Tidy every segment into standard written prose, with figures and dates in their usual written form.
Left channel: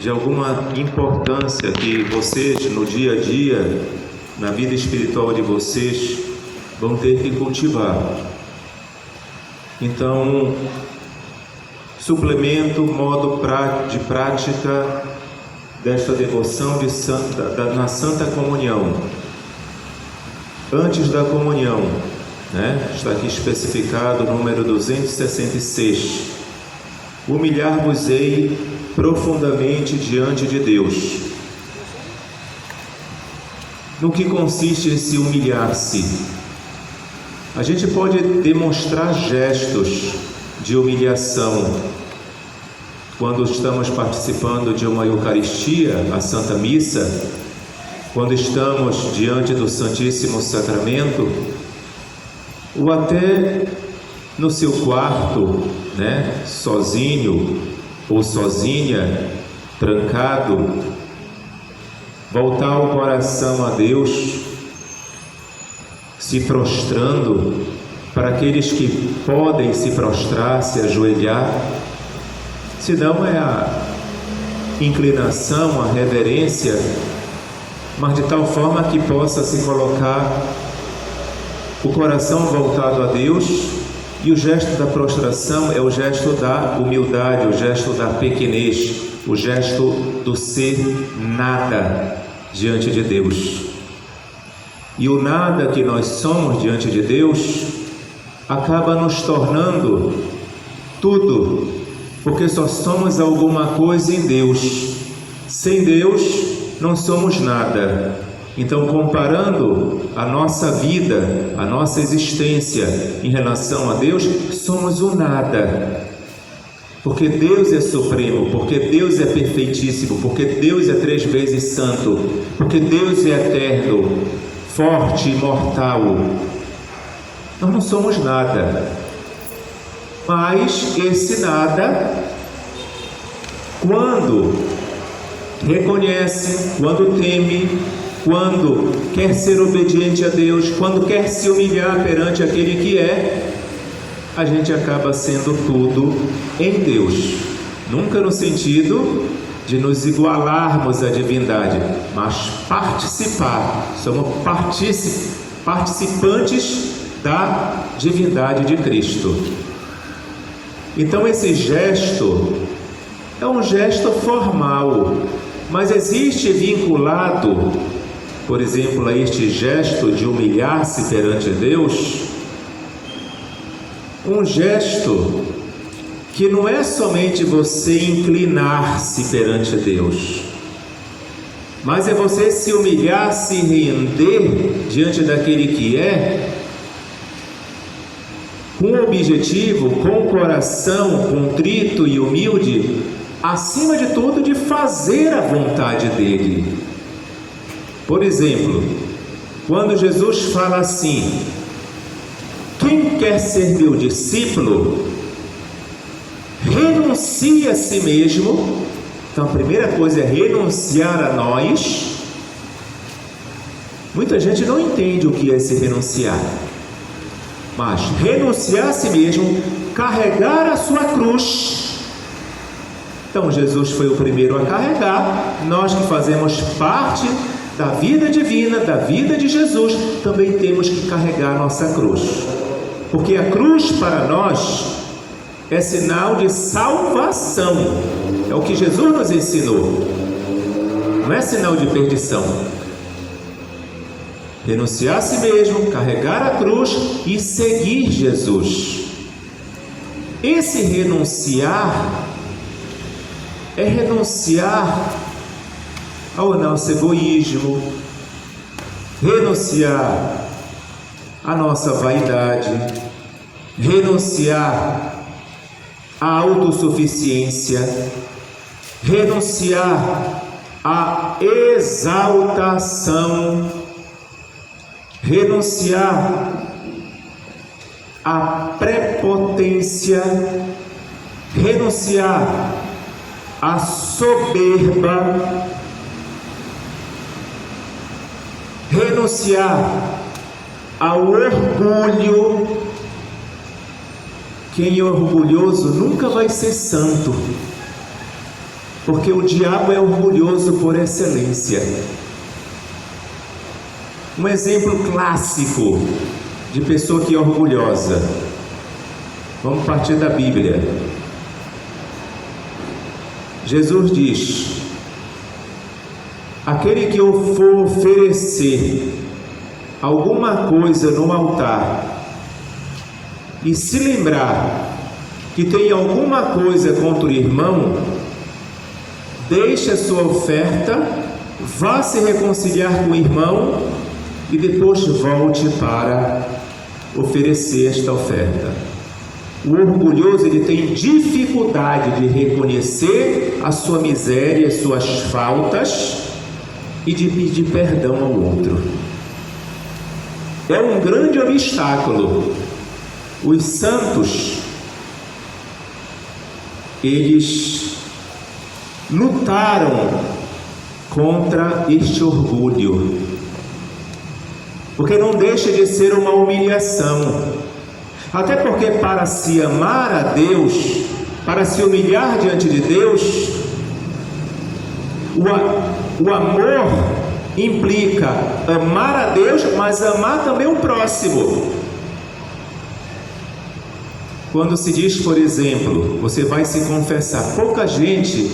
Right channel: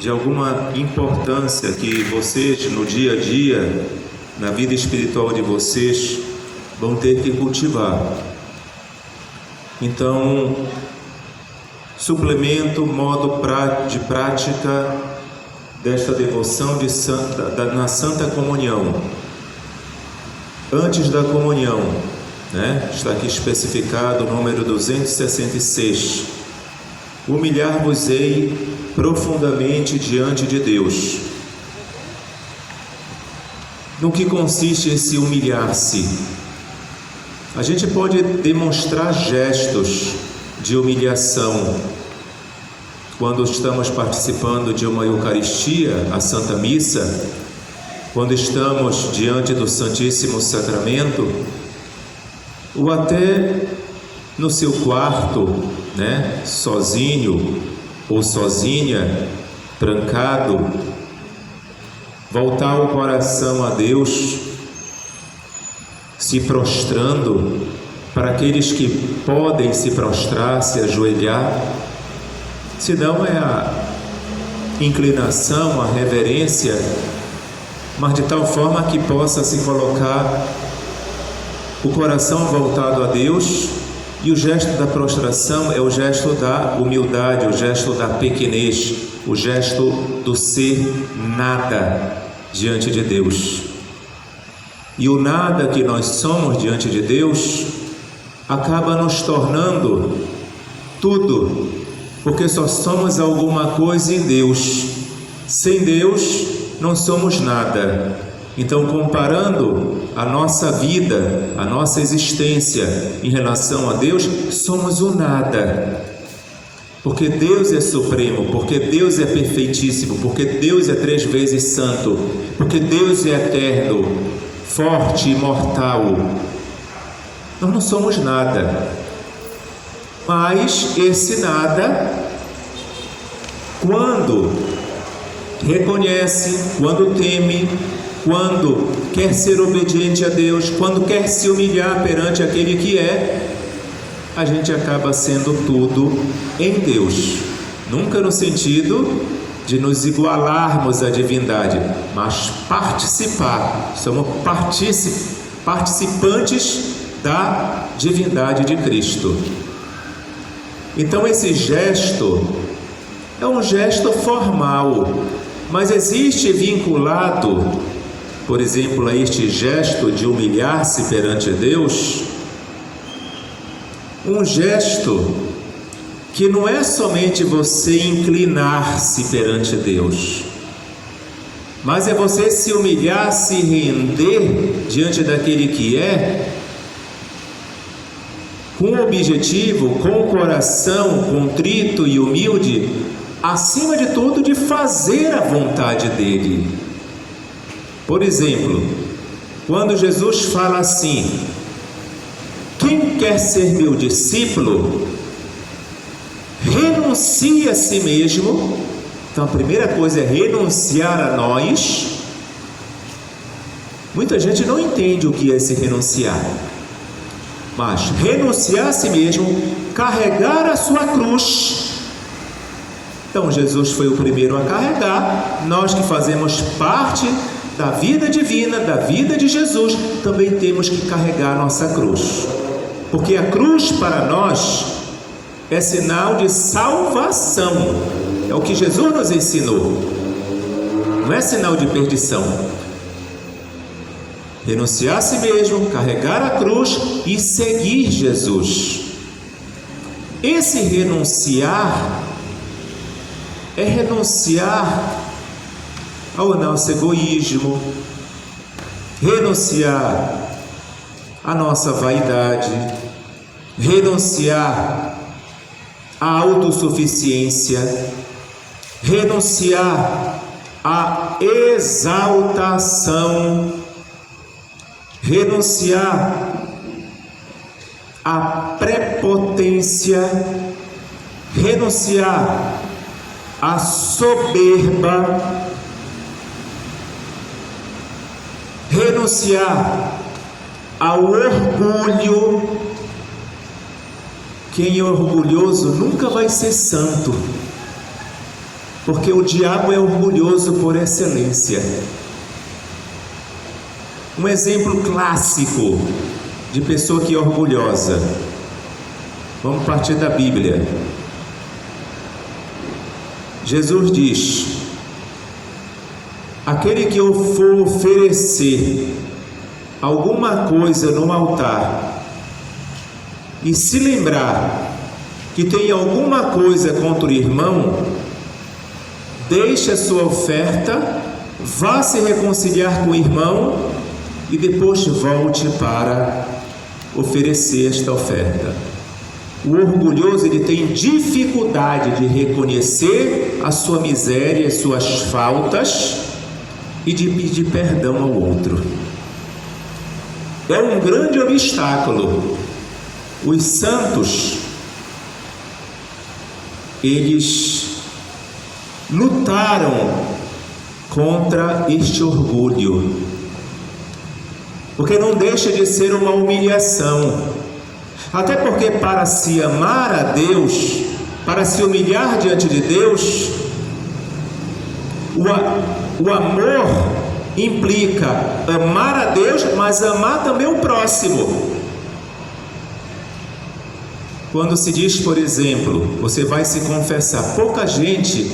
de alguma importância que vocês, no dia a dia, na vida espiritual de vocês, vão ter que cultivar. Então, suplemento, modo de prática desta devoção na Santa Comunhão. Antes da comunhão, está aqui especificado o número 266. Humilhar-vos-ei profundamente diante de Deus. No que consiste esse humilhar-se? A gente pode demonstrar gestos de humilhação quando estamos participando de uma Eucaristia, a Santa Missa, quando estamos diante do Santíssimo Sacramento, ou até no seu quarto, sozinho ou sozinha, trancado, voltar o coração a Deus, se prostrando, para aqueles que podem se prostrar, se ajoelhar, se não é a inclinação, a reverência, mas de tal forma que possa se colocar o coração voltado a Deus. E o gesto da prostração é o gesto da humildade, o gesto da pequenez, o gesto do ser nada diante de Deus. E o nada que nós somos diante de Deus acaba nos tornando tudo, porque só somos alguma coisa em Deus. Sem Deus não somos nada. Então, comparando a nossa vida, a nossa existência em relação a Deus, somos o nada. Porque Deus é supremo, porque Deus é perfeitíssimo, porque Deus é 3 vezes santo, porque Deus é eterno, forte e imortal. Nós não somos nada. Mas esse nada, quando reconhece, quando teme, quando quer ser obediente a Deus, quando quer se humilhar perante aquele que é, a gente acaba sendo tudo em Deus. Nunca no sentido de nos igualarmos à divindade, mas participar. Somos participantes da divindade de Cristo. Então esse gesto é um gesto formal, mas existe vinculado, por exemplo, a este gesto de humilhar-se perante Deus, um gesto que não é somente você inclinar-se perante Deus, mas é você se humilhar, se render diante daquele que é, com o objetivo, com o coração contrito e humilde, acima de tudo, de fazer a vontade dele. Por exemplo, quando Jesus fala assim: quem quer ser meu discípulo, renuncie a si mesmo. Então a primeira coisa é renunciar a nós. Muita gente não entende o que é se renunciar, mas renunciar a si mesmo, carregar a sua cruz. Então Jesus foi o primeiro a carregar. Nós que fazemos parte da vida divina, da vida de Jesus, também temos que carregar a nossa cruz, porque a cruz para nós é sinal de salvação. É o que Jesus nos ensinou, não é sinal de perdição. Renunciar a si mesmo, carregar a cruz e seguir Jesus. Esse renunciar é renunciar ao nosso egoísmo, renunciar à nossa vaidade, renunciar à autossuficiência, renunciar à exaltação, renunciar à prepotência, renunciar à soberba, renunciar ao orgulho. Quem é orgulhoso nunca vai ser santo, Porque o diabo é orgulhoso por excelência. Um exemplo clássico de pessoa que é orgulhosa. Vamos partir da Bíblia. Jesus diz: aquele que for oferecer alguma coisa no altar e se lembrar que tem alguma coisa contra o irmão, deixe a sua oferta, vá se reconciliar com o irmão e depois volte para oferecer esta oferta. O orgulhoso, ele tem dificuldade de reconhecer a sua miséria, as suas faltas e de pedir perdão ao outro. É um grande obstáculo. Os santos, eles lutaram contra este orgulho, porque não deixa de ser uma humilhação. Até porque para se amar a Deus, para se humilhar diante de Deus, o amor implica amar a Deus, mas amar também o próximo. Quando se diz, por exemplo, você vai se confessar, pouca gente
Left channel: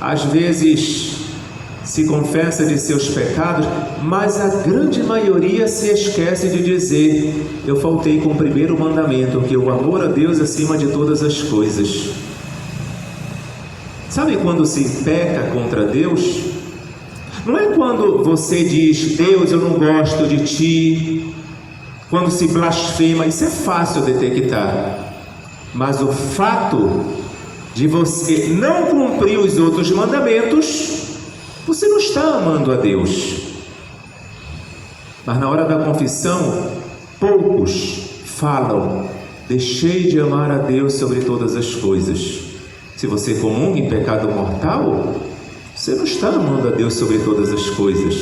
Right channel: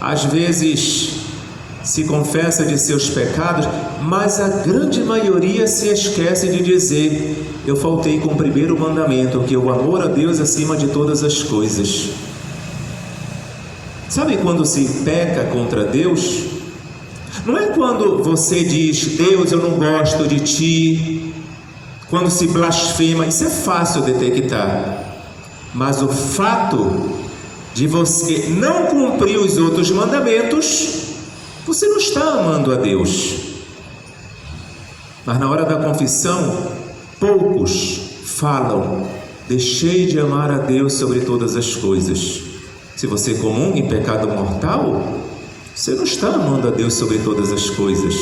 às vezes se confessa de seus pecados, mas a grande maioria se esquece de dizer: eu faltei com o primeiro mandamento, que é o amor a Deus acima de todas as coisas. Sabe quando se peca contra Deus? Não é quando você diz: Deus, eu não gosto de ti. Quando se blasfema, isso é fácil detectar. Mas o fato de você não cumprir os outros mandamentos, você não está amando a Deus. Mas na hora da confissão, poucos falam: deixei de amar a Deus sobre todas as coisas. Se você comunga em pecado mortal, você não está amando a Deus sobre todas as coisas.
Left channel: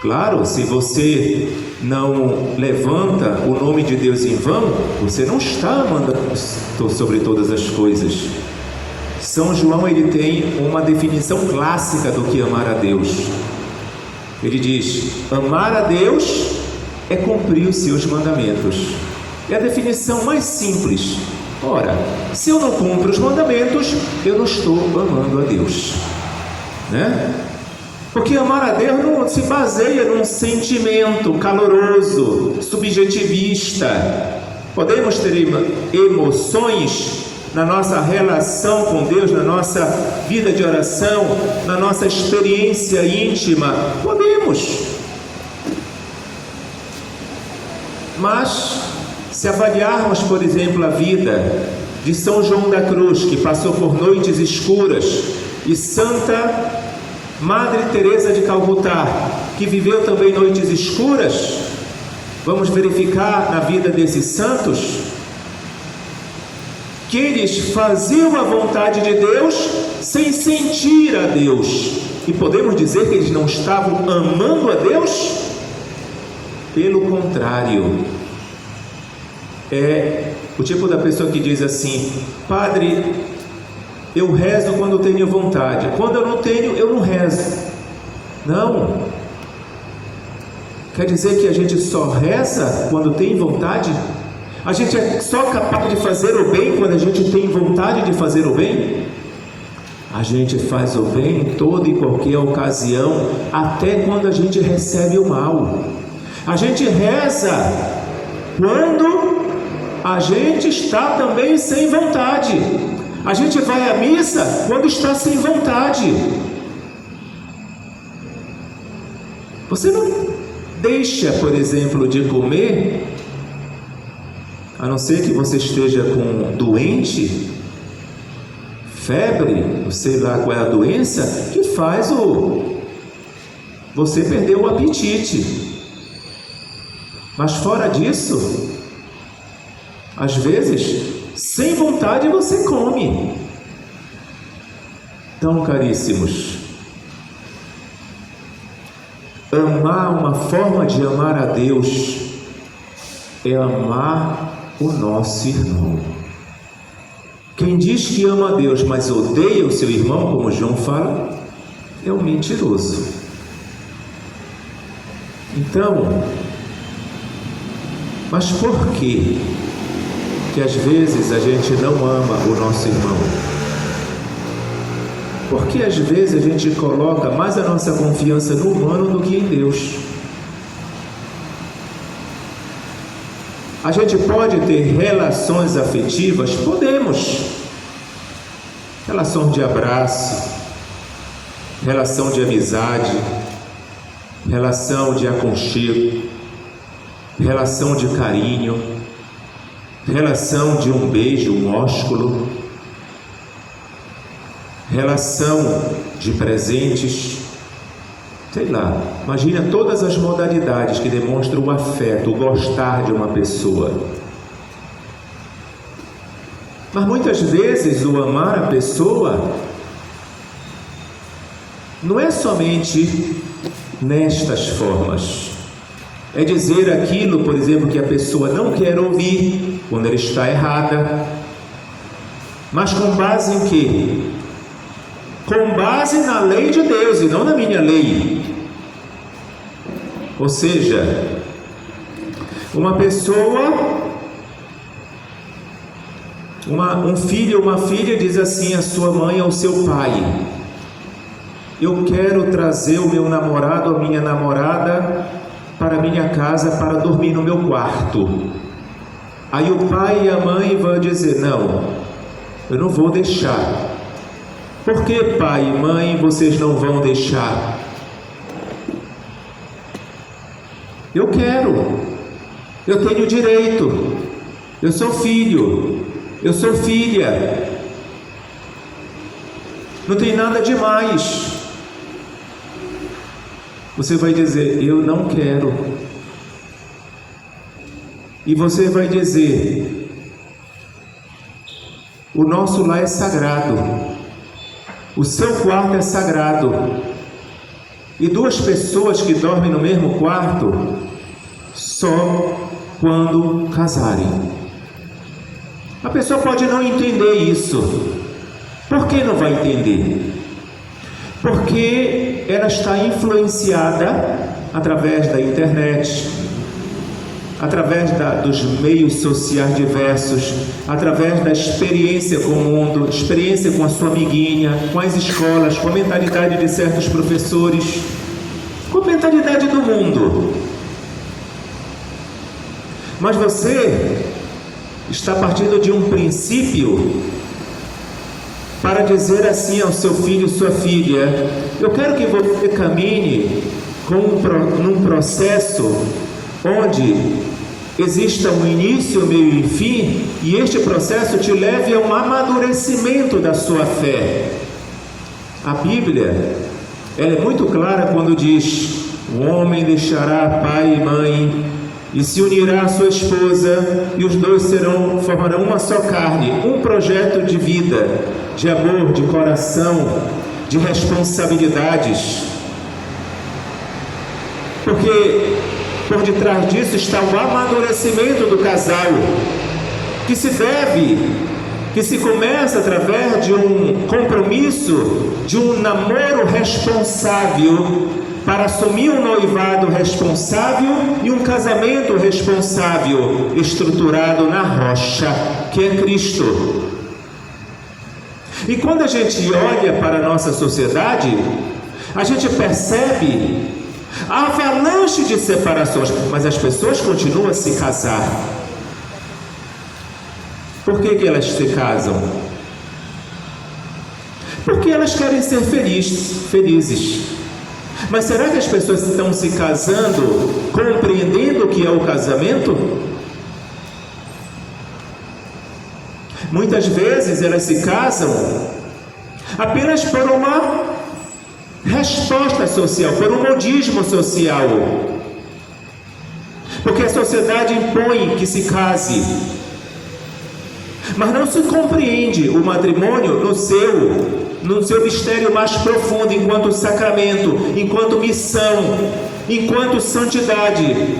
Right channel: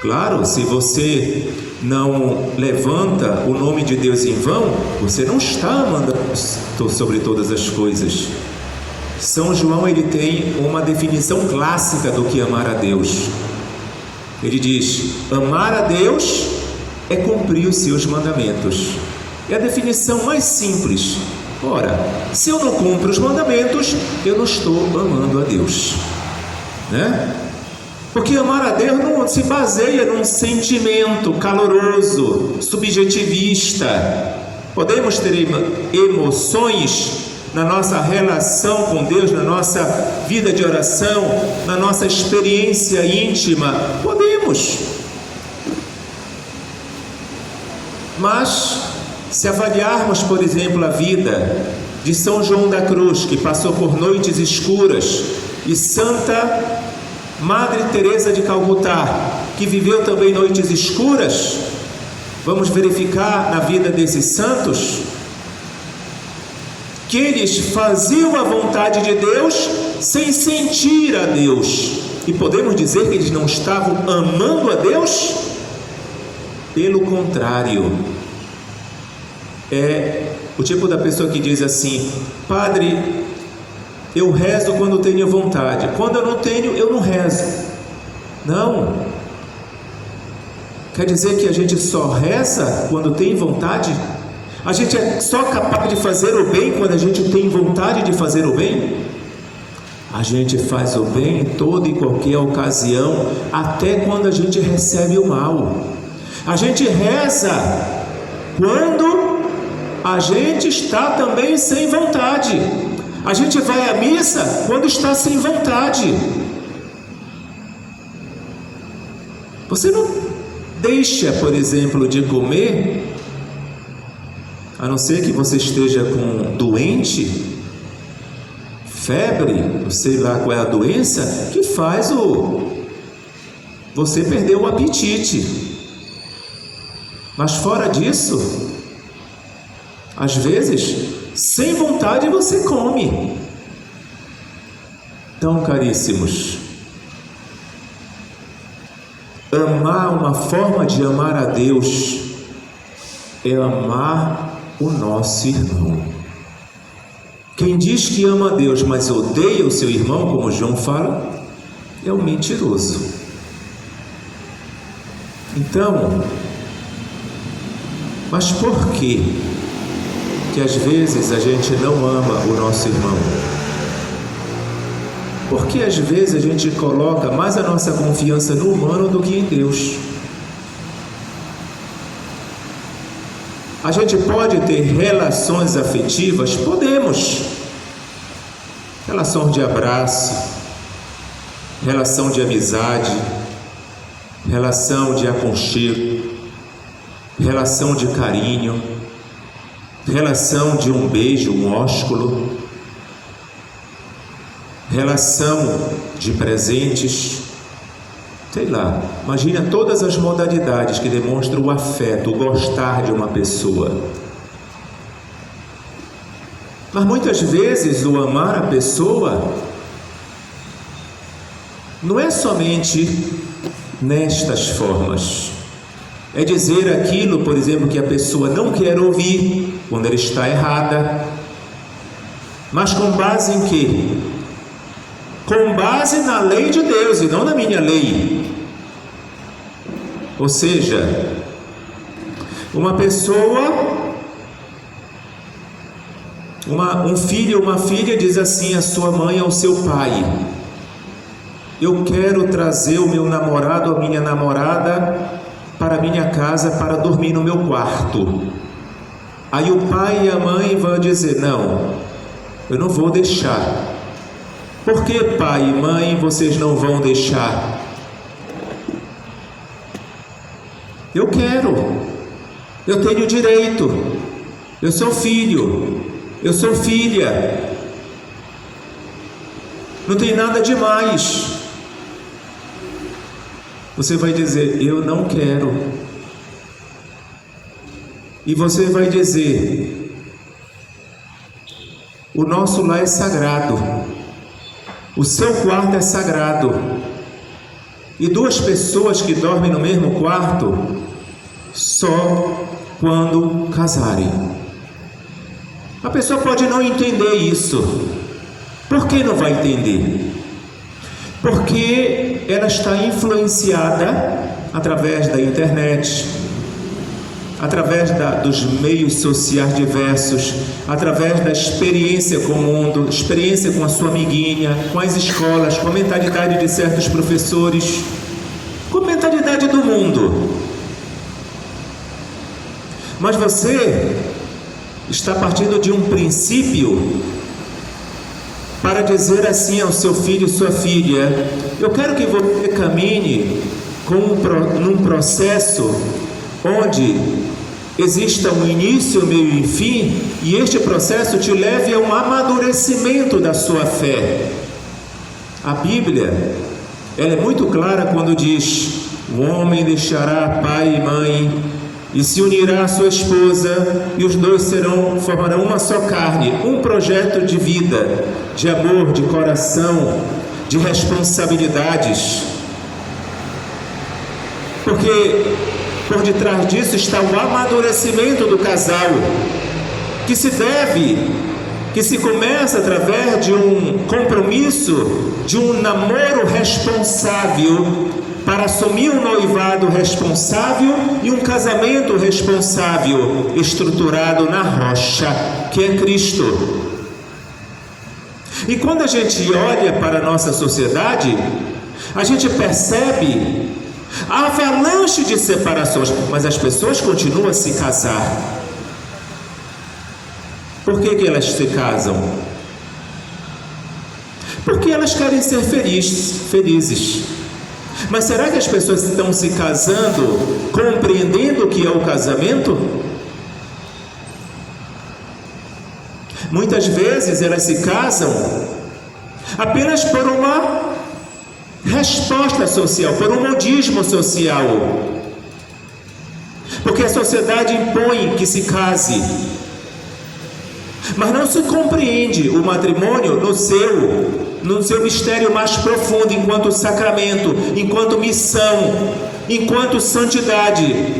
Claro, se você não levanta o nome de Deus em vão, você não está amando a Deus sobre todas as coisas. São João, ele tem uma definição clássica do que amar a Deus. Ele diz: amar a Deus é cumprir os seus mandamentos. É a definição mais simples. Ora, se eu não cumpro os mandamentos, eu não estou amando a Deus, né? Porque amar a Deus não se baseia num sentimento caloroso, subjetivista. Podemos ter emoções na nossa relação com Deus, na nossa vida de oração, na nossa experiência íntima. Podemos. Mas, se avaliarmos, por exemplo, a vida de São João da Cruz, que passou por noites escuras, e Santa Madre Teresa de Calcutá, que viveu também noites escuras, vamos verificar na vida desses santos que eles faziam a vontade de Deus sem sentir a Deus. E podemos dizer que eles não estavam amando a Deus? Pelo contrário, é o tipo da pessoa que diz assim: padre, eu rezo quando tenho vontade, quando eu não tenho, eu não rezo. Não. Quer dizer que a gente só reza quando tem vontade? A gente é só capaz de fazer o bem quando a gente tem vontade de fazer o bem? A gente faz o bem em toda e qualquer ocasião, até quando a gente recebe o mal. A gente reza quando a gente está também sem vontade. A gente vai à missa quando está sem vontade. Você não deixa, por exemplo, de comer, a não ser que você esteja com doente, febre, não sei lá qual é a doença, que faz você perder o apetite. Mas fora disso, às vezes, sem vontade você come. Então, caríssimos, uma forma de amar a Deus é amar o nosso irmão. Quem diz que ama a Deus, mas odeia o seu irmão, como João fala, é um mentiroso. Então, mas por que às vezes a gente não ama o nosso irmão? Porque às vezes a gente coloca mais a nossa confiança no humano do que em Deus. A gente pode ter relações afetivas? Podemos. Relação de abraço, relação de amizade, relação de aconchego, relação de carinho, relação de um beijo, um ósculo, relação de presentes, sei lá, imagina todas as modalidades que demonstram o afeto, o gostar de uma pessoa. Mas muitas vezes o amar a pessoa não é somente nestas formas. É dizer aquilo, por exemplo, que a pessoa não quer ouvir quando ela está errada. Mas com base em quê? Com base na lei de Deus e não na minha lei. Ou seja, uma pessoa, um filho ou uma filha diz assim à sua mãe ou ao seu pai: eu quero trazer o meu namorado ou a minha namorada para a minha casa para dormir no meu quarto. Aí o pai e a mãe vão dizer: não, eu não vou deixar. Por que, pai e mãe, vocês não vão deixar? Eu quero, eu tenho direito, eu sou filho, eu sou filha, não tem nada demais. Você vai dizer: eu não quero. E você vai dizer: o nosso lar é sagrado, o seu quarto é sagrado, e duas pessoas que dormem no mesmo quarto só quando casarem. A pessoa pode não entender isso. Por que não vai entender? Porque ela está influenciada através da internet, através dos meios sociais diversos, através da experiência com o mundo, experiência com a sua amiguinha, com as escolas, com a mentalidade de certos professores, com a mentalidade do mundo. Mas você está partindo de um princípio para dizer assim ao seu filho, sua filha: eu quero que você caminhe num processo onde exista um início, meio e fim, e este processo te leve a um amadurecimento da sua fé. A Bíblia, ela é muito clara quando diz: o homem deixará pai e mãe e se unirá à sua esposa, e os dois formarão uma só carne. Um projeto de vida, de amor, de coração, de responsabilidades. Porque por detrás disso está o amadurecimento do casal, que se começa através de um compromisso, de um namoro responsável, para assumir um noivado responsável e um casamento responsável, estruturado na rocha, que é Cristo. E quando a gente olha para a nossa sociedade, a gente percebe a avalanche de separações, mas as pessoas continuam a se casar. Por que elas se casam? Porque elas querem ser felizes. Mas será que as pessoas estão se casando compreendendo o que é o casamento? Muitas vezes elas se casam apenas por uma resposta social, por um modismo social, porque a sociedade impõe que se case, mas não se compreende o matrimônio no seu mistério mais profundo, enquanto sacramento, enquanto missão, enquanto santidade.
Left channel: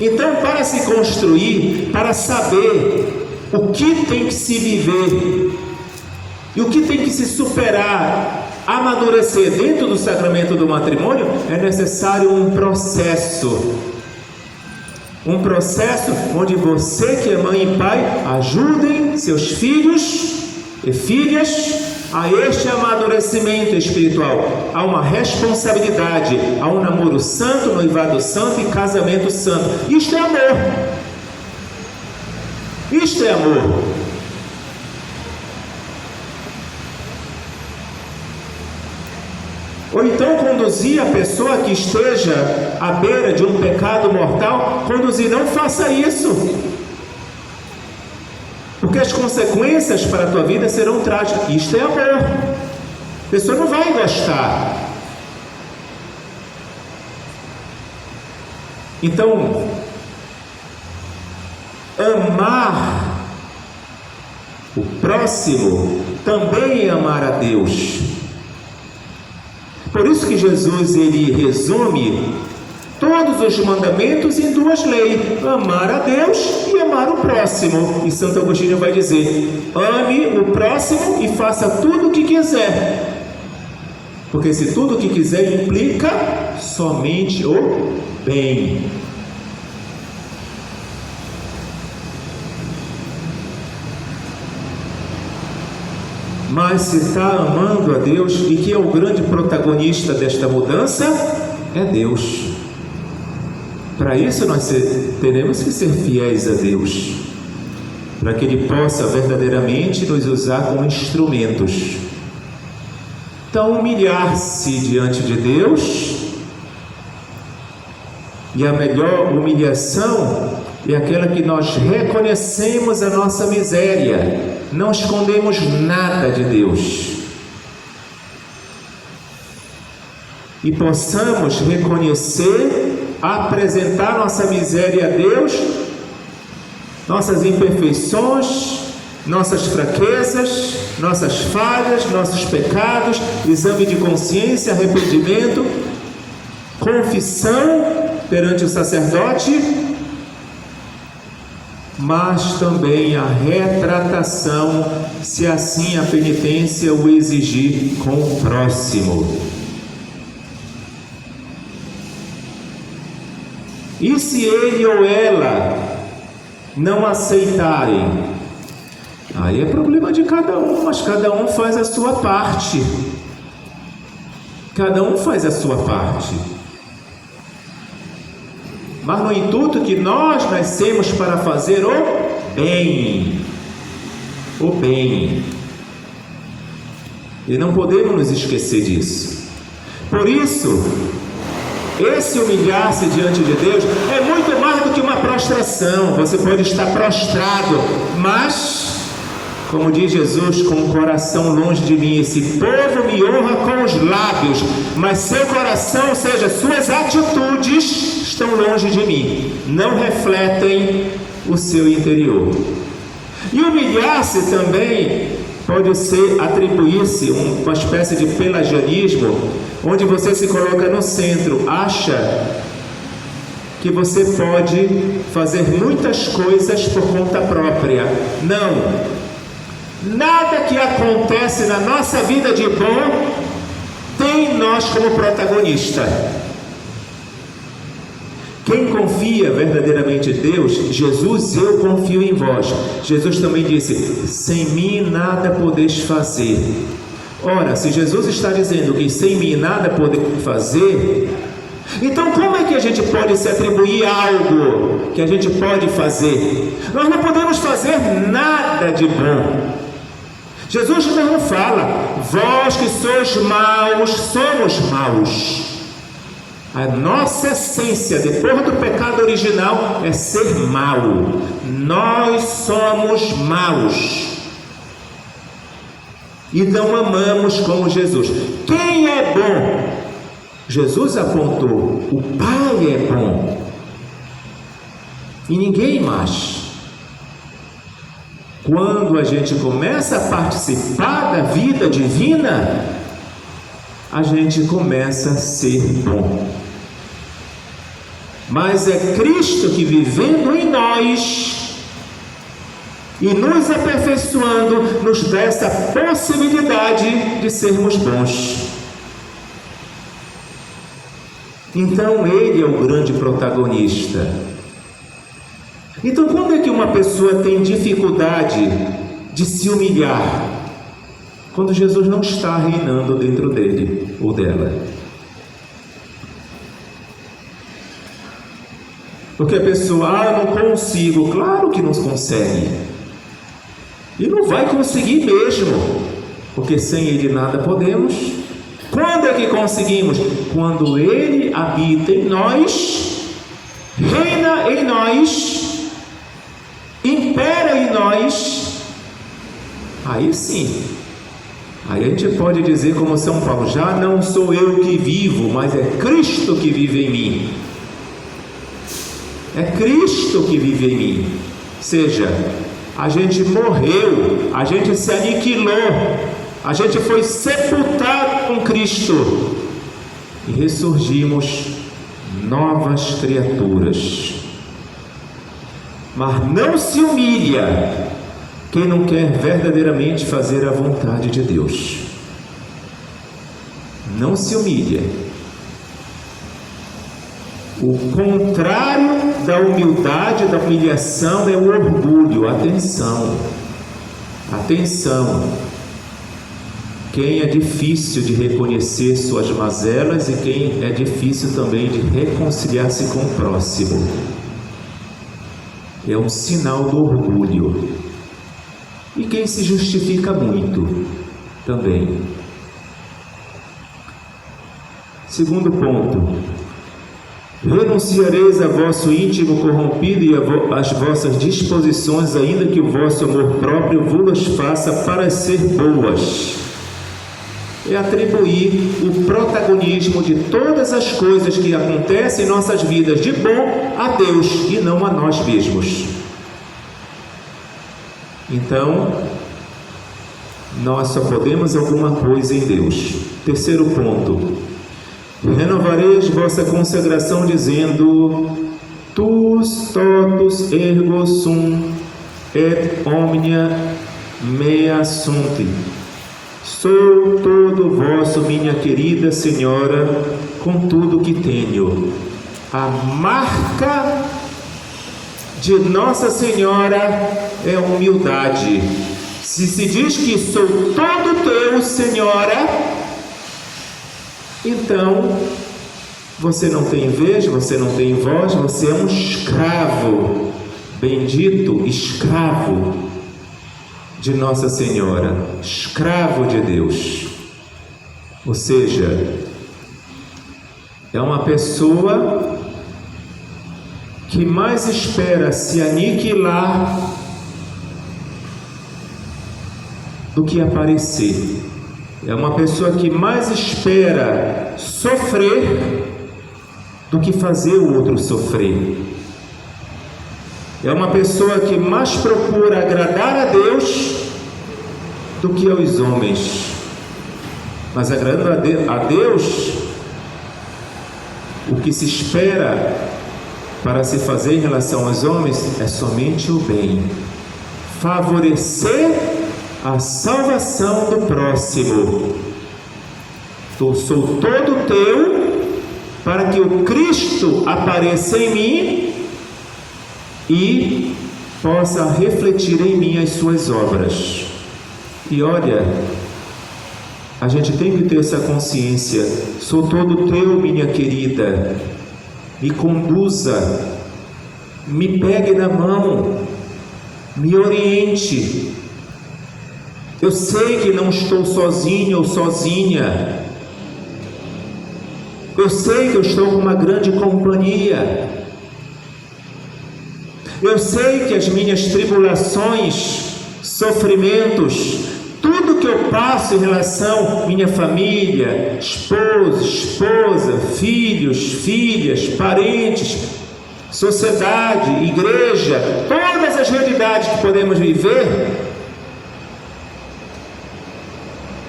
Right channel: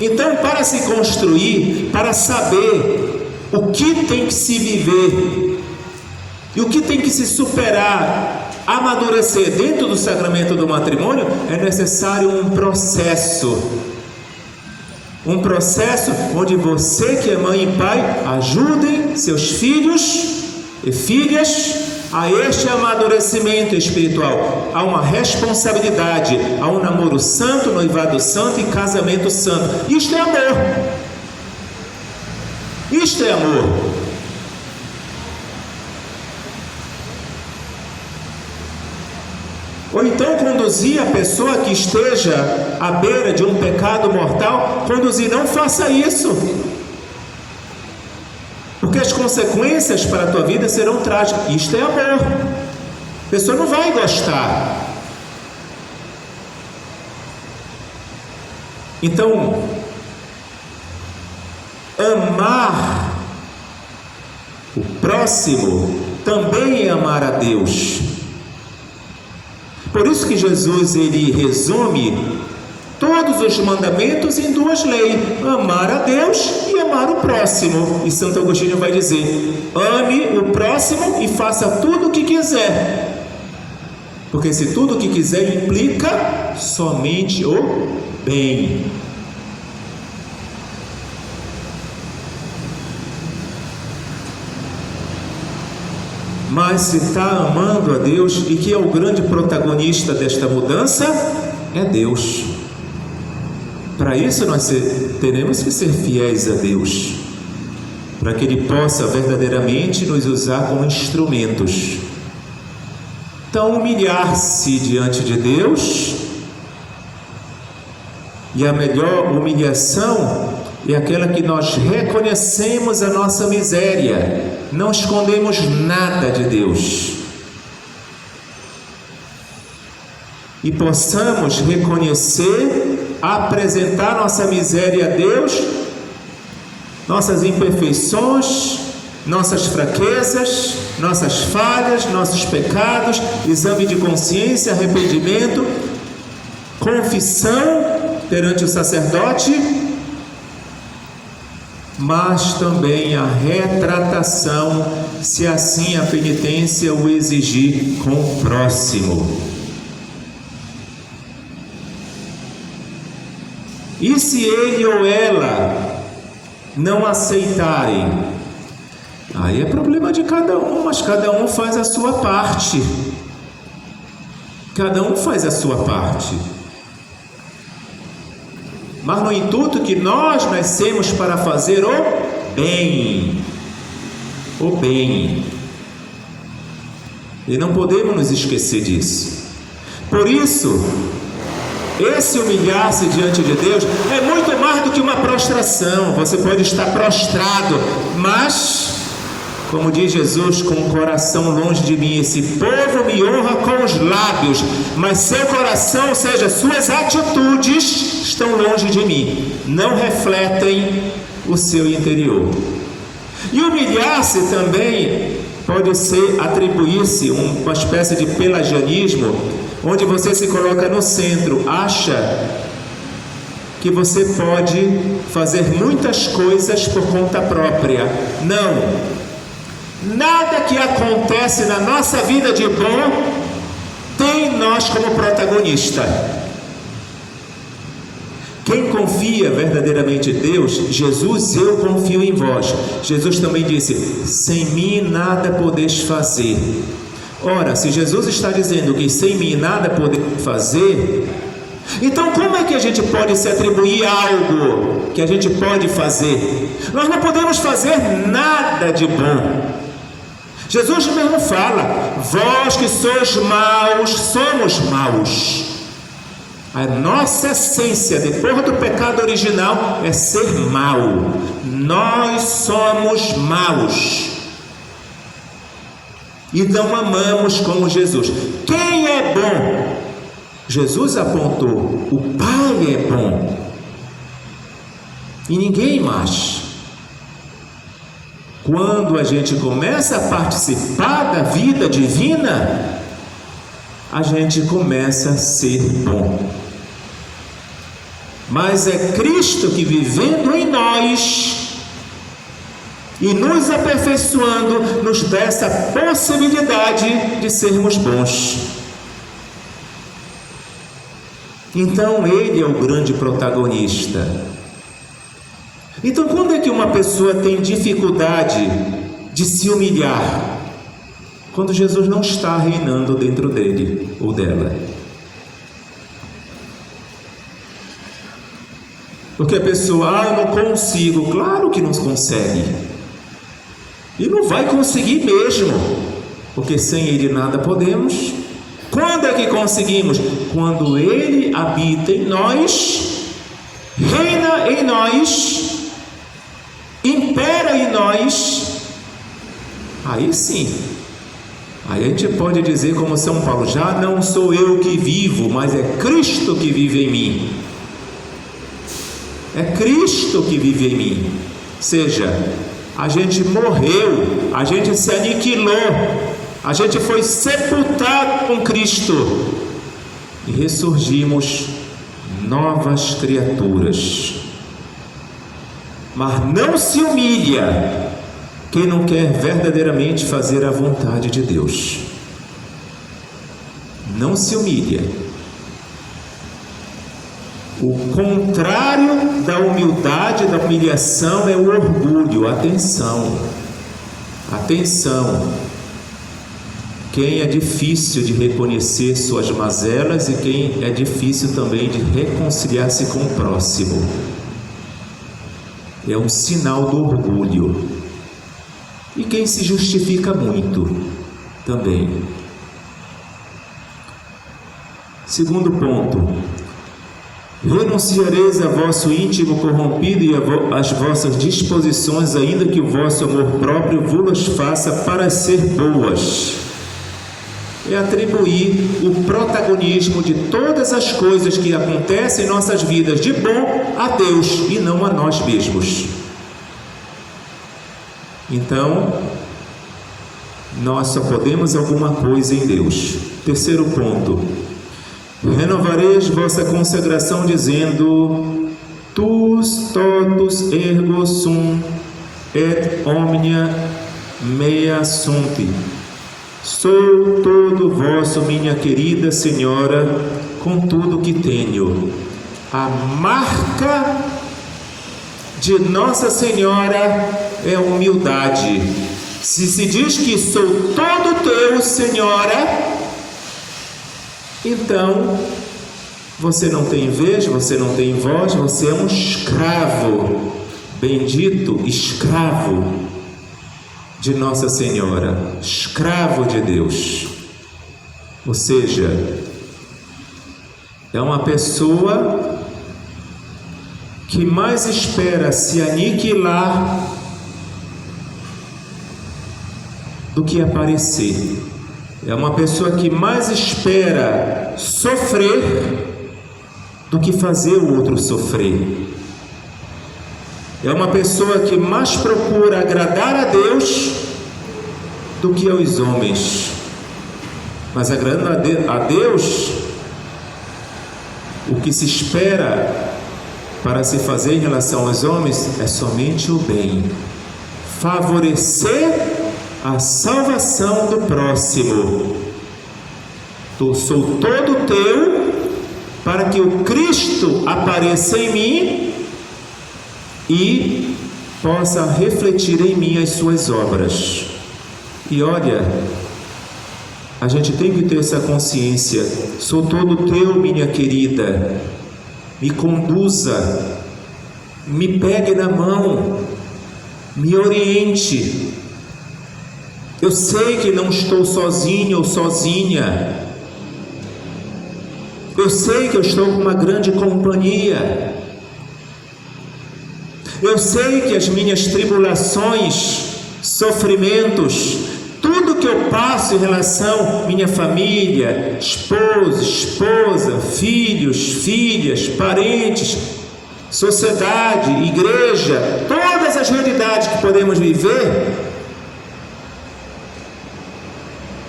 Então, para se construir, para saber o que tem que se viver e o que tem que se superar, amadurecer dentro do sacramento do matrimônio, é necessário um processo onde você, que é mãe e pai, ajudem seus filhos e filhas a este amadurecimento espiritual. Há uma responsabilidade, há um namoro santo, noivado santo e casamento santo. Isto é amor. Isto é amor. Ou então conduzir a pessoa que esteja à beira de um pecado mortal, conduzir, não faça isso, porque as consequências para a tua vida serão trágicas. Isto é amor. A pessoa não vai gostar. Então, amar o próximo também é amar a Deus. Por isso que Jesus, ele resume todos os mandamentos em duas leis: amar a Deus e amar o próximo. E Santo Agostinho vai dizer: ame o próximo e faça tudo o que quiser, porque se tudo o que quiser implica somente o bem. Mas se está amando a Deus, e que é o grande protagonista desta mudança, é Deus. Para isso nós teremos que ser fiéis a Deus, para que Ele possa verdadeiramente nos usar como instrumentos. Então, humilhar-se diante de Deus, e a melhor humilhação é aquela que nós reconhecemos a nossa miséria, não escondemos nada de Deus, e possamos reconhecer, apresentar nossa miséria a Deus, nossas imperfeições, nossas fraquezas, nossas falhas, nossos pecados, exame de consciência, arrependimento, confissão perante o sacerdote, mas também a retratação, se assim a penitência o exigir, com o próximo. E se ele ou ela não aceitarem, aí é problema de cada um, mas cada um faz a sua parte. Cada um faz a sua parte. Mas no intuito que nós nascemos para fazer o bem. O bem. E não podemos nos esquecer disso. Por isso, esse humilhar-se diante de Deus é muito mais do que uma prostração. Você pode estar prostrado, mas, como diz Jesus, com o coração longe de mim, esse povo me honra com os lábios, mas seu coração, ou seja, suas atitudes, estão longe de mim, não refletem o seu interior. E humilhar-se também pode ser atribuir-se uma espécie de pelagianismo, onde você se coloca no centro, acha que você pode fazer muitas coisas por conta própria. Não, nada que acontece na nossa vida de bom tem nós como protagonista. Quem confia verdadeiramente em Deus, Jesus, eu confio em vós. Jesus também disse: sem mim nada podeis fazer. Ora, se Jesus está dizendo que sem mim nada podeis fazer, então como é que a gente pode se atribuir algo que a gente pode fazer? Nós não podemos fazer nada de bom. Jesus mesmo fala: vós que sois maus, somos maus. A nossa essência, depois do pecado original, é ser mau. Nós somos maus e não amamos como Jesus. Quem é bom? Jesus apontou: o Pai é bom e ninguém mais. Quando a gente começa a participar da vida divina, a gente começa a ser bom. Mas é Cristo que, vivendo em nós, e nos aperfeiçoando, nos dá essa possibilidade de sermos bons. Então Ele é o grande protagonista. Então quando é que uma pessoa tem dificuldade de se humilhar? Quando Jesus não está reinando dentro dele ou dela. Porque a pessoa, eu não consigo. Claro que não consegue. E não vai conseguir mesmo. Porque sem Ele nada podemos. Quando é que conseguimos? Quando Ele habita em nós, reina em nós, impera em nós. Aí sim. Aí a gente pode dizer como São Paulo, já não sou eu que vivo, mas é Cristo que vive em mim. É Cristo que vive em mim. Ou seja, a gente morreu, a gente se aniquilou, a gente foi sepultado com Cristo e ressurgimos novas criaturas. Mas não se humilha quem não quer verdadeiramente fazer a vontade de Deus. Não se humilha. O contrário da humildade, da humilhação, é o orgulho. Atenção, atenção. Quem é difícil de reconhecer suas mazelas e quem é difícil também de reconciliar-se com o próximo. É um sinal do orgulho. E quem se justifica muito também. Segundo ponto. Renunciareis a vosso íntimo corrompido e às vossas disposições, ainda que o vosso amor próprio vos faça parecer boas. É atribuir o protagonismo de todas as coisas que acontecem em nossas vidas de bom a Deus e não a nós mesmos. Então, nós só podemos alguma coisa em Deus. Terceiro ponto. Renovareis vossa consagração dizendo: Tus totus ergo sum et omnia mea sunt. Sou todo vosso, minha querida Senhora, com tudo que tenho. A marca de Nossa Senhora é a humildade. Se diz que sou todo teu, Senhora, então você não tem vez, você não tem voz, você é um escravo, bendito escravo de Nossa Senhora, escravo de Deus. Ou seja, é uma pessoa que mais espera se aniquilar do que aparecer. É uma pessoa que mais espera sofrer do que fazer o outro sofrer. É uma pessoa que mais procura agradar a Deus do que aos homens. Mas agradando a Deus, o que se espera para se fazer em relação aos homens é somente o bem. Favorecer a salvação do próximo. Eu sou todo teu, para que o Cristo apareça em mim e possa refletir em mim as suas obras. E olha, a gente tem que ter essa consciência. Sou todo teu, minha querida. Me conduza, me pegue na mão, me oriente. Eu sei que não estou sozinho ou sozinha. Eu sei que eu estou com uma grande companhia. Eu sei que as minhas tribulações, sofrimentos, tudo que eu passo em relação à minha família, esposa, filhos, filhas, parentes, sociedade, igreja, todas as realidades que podemos viver,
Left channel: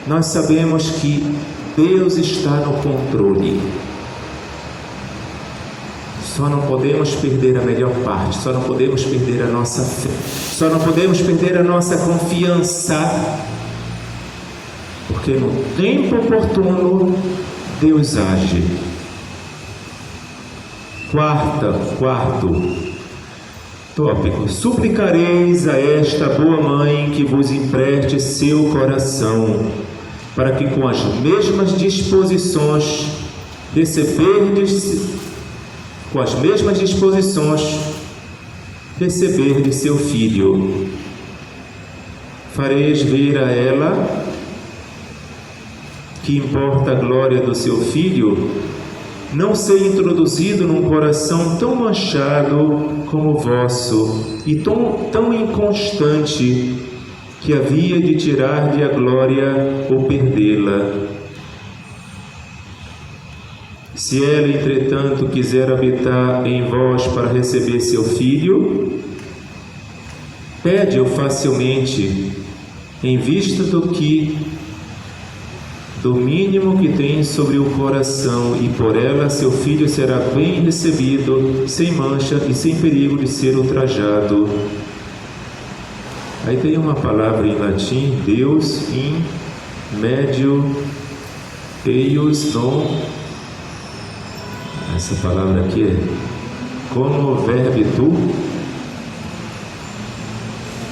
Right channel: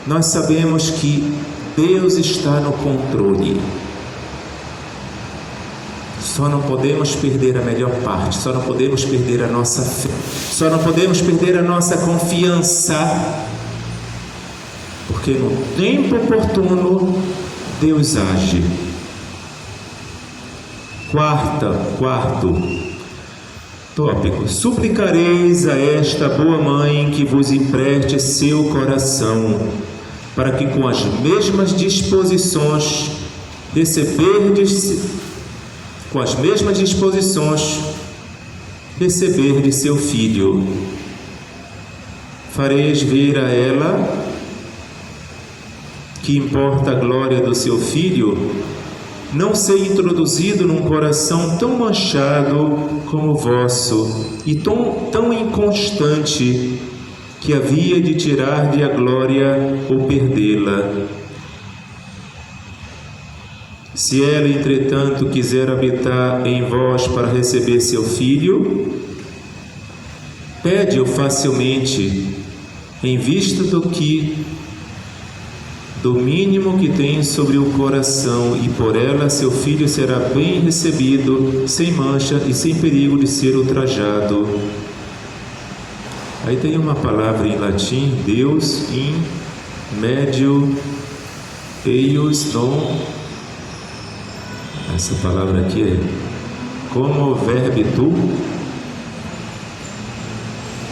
nós sabemos que Deus está no controle. Só não podemos perder a melhor parte, só não podemos perder a nossa fé, só não podemos perder a nossa confiança, porque no tempo oportuno Deus age. Quarto tópico: suplicareis a esta boa mãe que vos empreste seu coração, para que com as mesmas disposições receberdes seu filho. Fareis ver a ela que importa a glória do seu filho não ser introduzido num coração tão manchado como o vosso e tão inconstante, que havia de tirar-lhe a glória ou perdê-la. Se ela, entretanto, quiser habitar em vós para receber seu filho, pede-o facilmente, em vista do mínimo que tem sobre o coração, e por ela seu filho será bem recebido, sem mancha e sem perigo de ser ultrajado. Aí tem uma palavra em latim: Deus in medio eius non. Essa palavra aqui é como verbitu.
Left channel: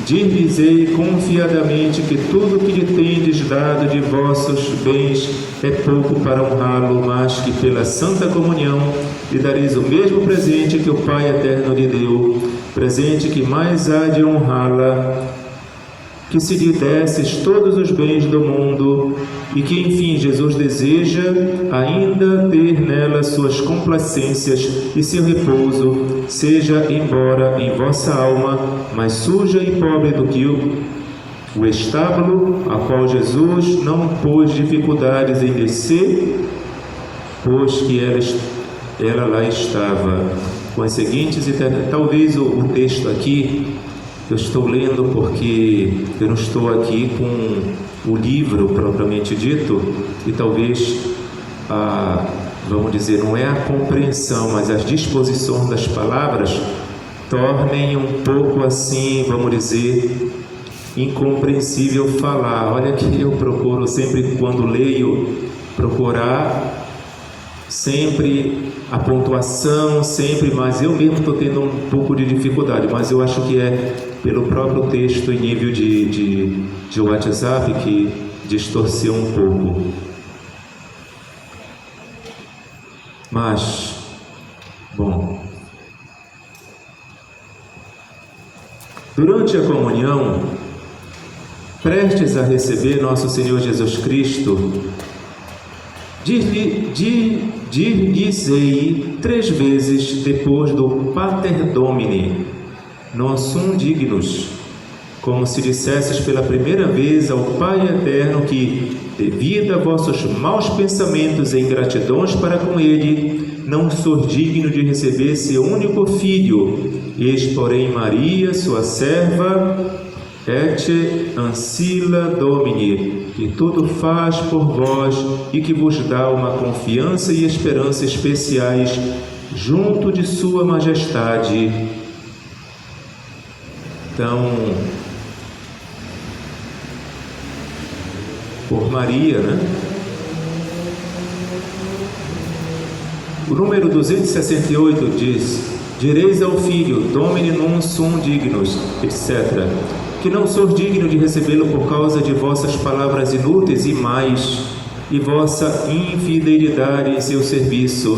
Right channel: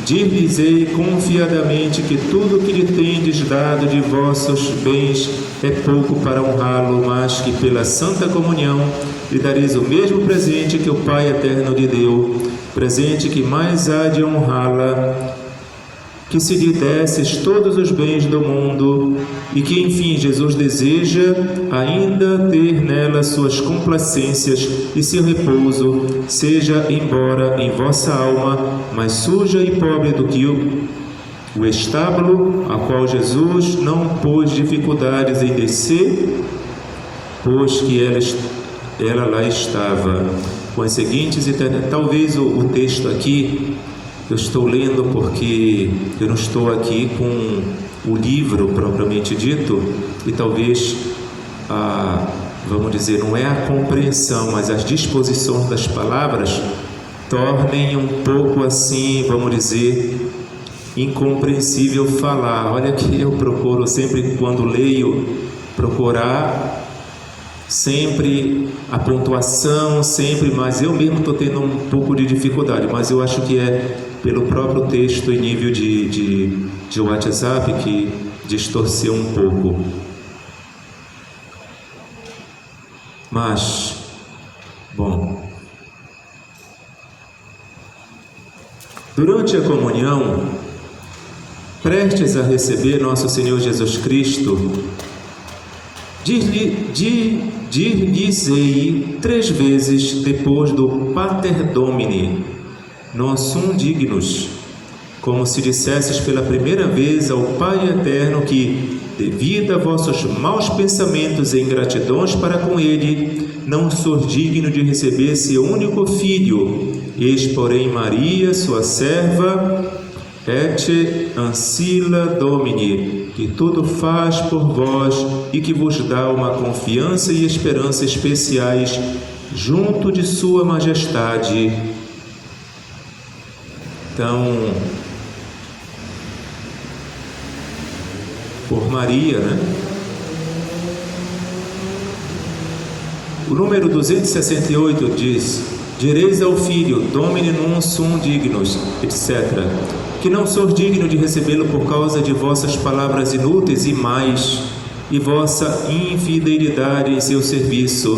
Dir-lhes-ei confiadamente que tudo que lhe tendes dado de vossos bens é pouco para honrá-lo, mas que pela santa comunhão lhe dareis o mesmo presente que o Pai eterno lhe deu, presente que mais há de honrá-la, que se lhe desses todos os bens do mundo, e que enfim Jesus deseja ainda ter nela suas complacências e seu repouso, seja embora em vossa alma mais suja e pobre do que o estábulo, a qual Jesus não pôs dificuldades em descer, pois que ela lá estava. Com as seguintes, talvez o texto aqui eu estou lendo porque eu não estou aqui com o livro propriamente dito, e talvez, vamos dizer, não é a compreensão, mas as disposições das palavras tornem um pouco assim, vamos dizer, incompreensível falar. Olha que eu procuro sempre, quando leio, procurar sempre a pontuação, sempre, mas eu mesmo estou tendo um pouco de dificuldade, mas eu acho que é pelo próprio texto em nível de WhatsApp que distorceu um pouco. Mas, bom, durante a comunhão, prestes a receber nosso Senhor Jesus Cristo, dir-lhes-ei 3 vezes depois do Pater Domini, non sum dignus, como se dissesses pela primeira vez ao Pai Eterno que, devido a vossos maus pensamentos e ingratidões para com Ele, não sou digno de receber seu único filho. Eis, porém, Maria, sua serva, et ancilla Domini, que tudo faz por vós e que vos dá uma confiança e esperança especiais junto de sua majestade. Então, por Maria, né? O número 268 diz: direis ao filho, Domini non sum dignus, etc., que não sou digno de recebê-lo por causa de vossas palavras inúteis e mais, e vossa infidelidade em seu serviço.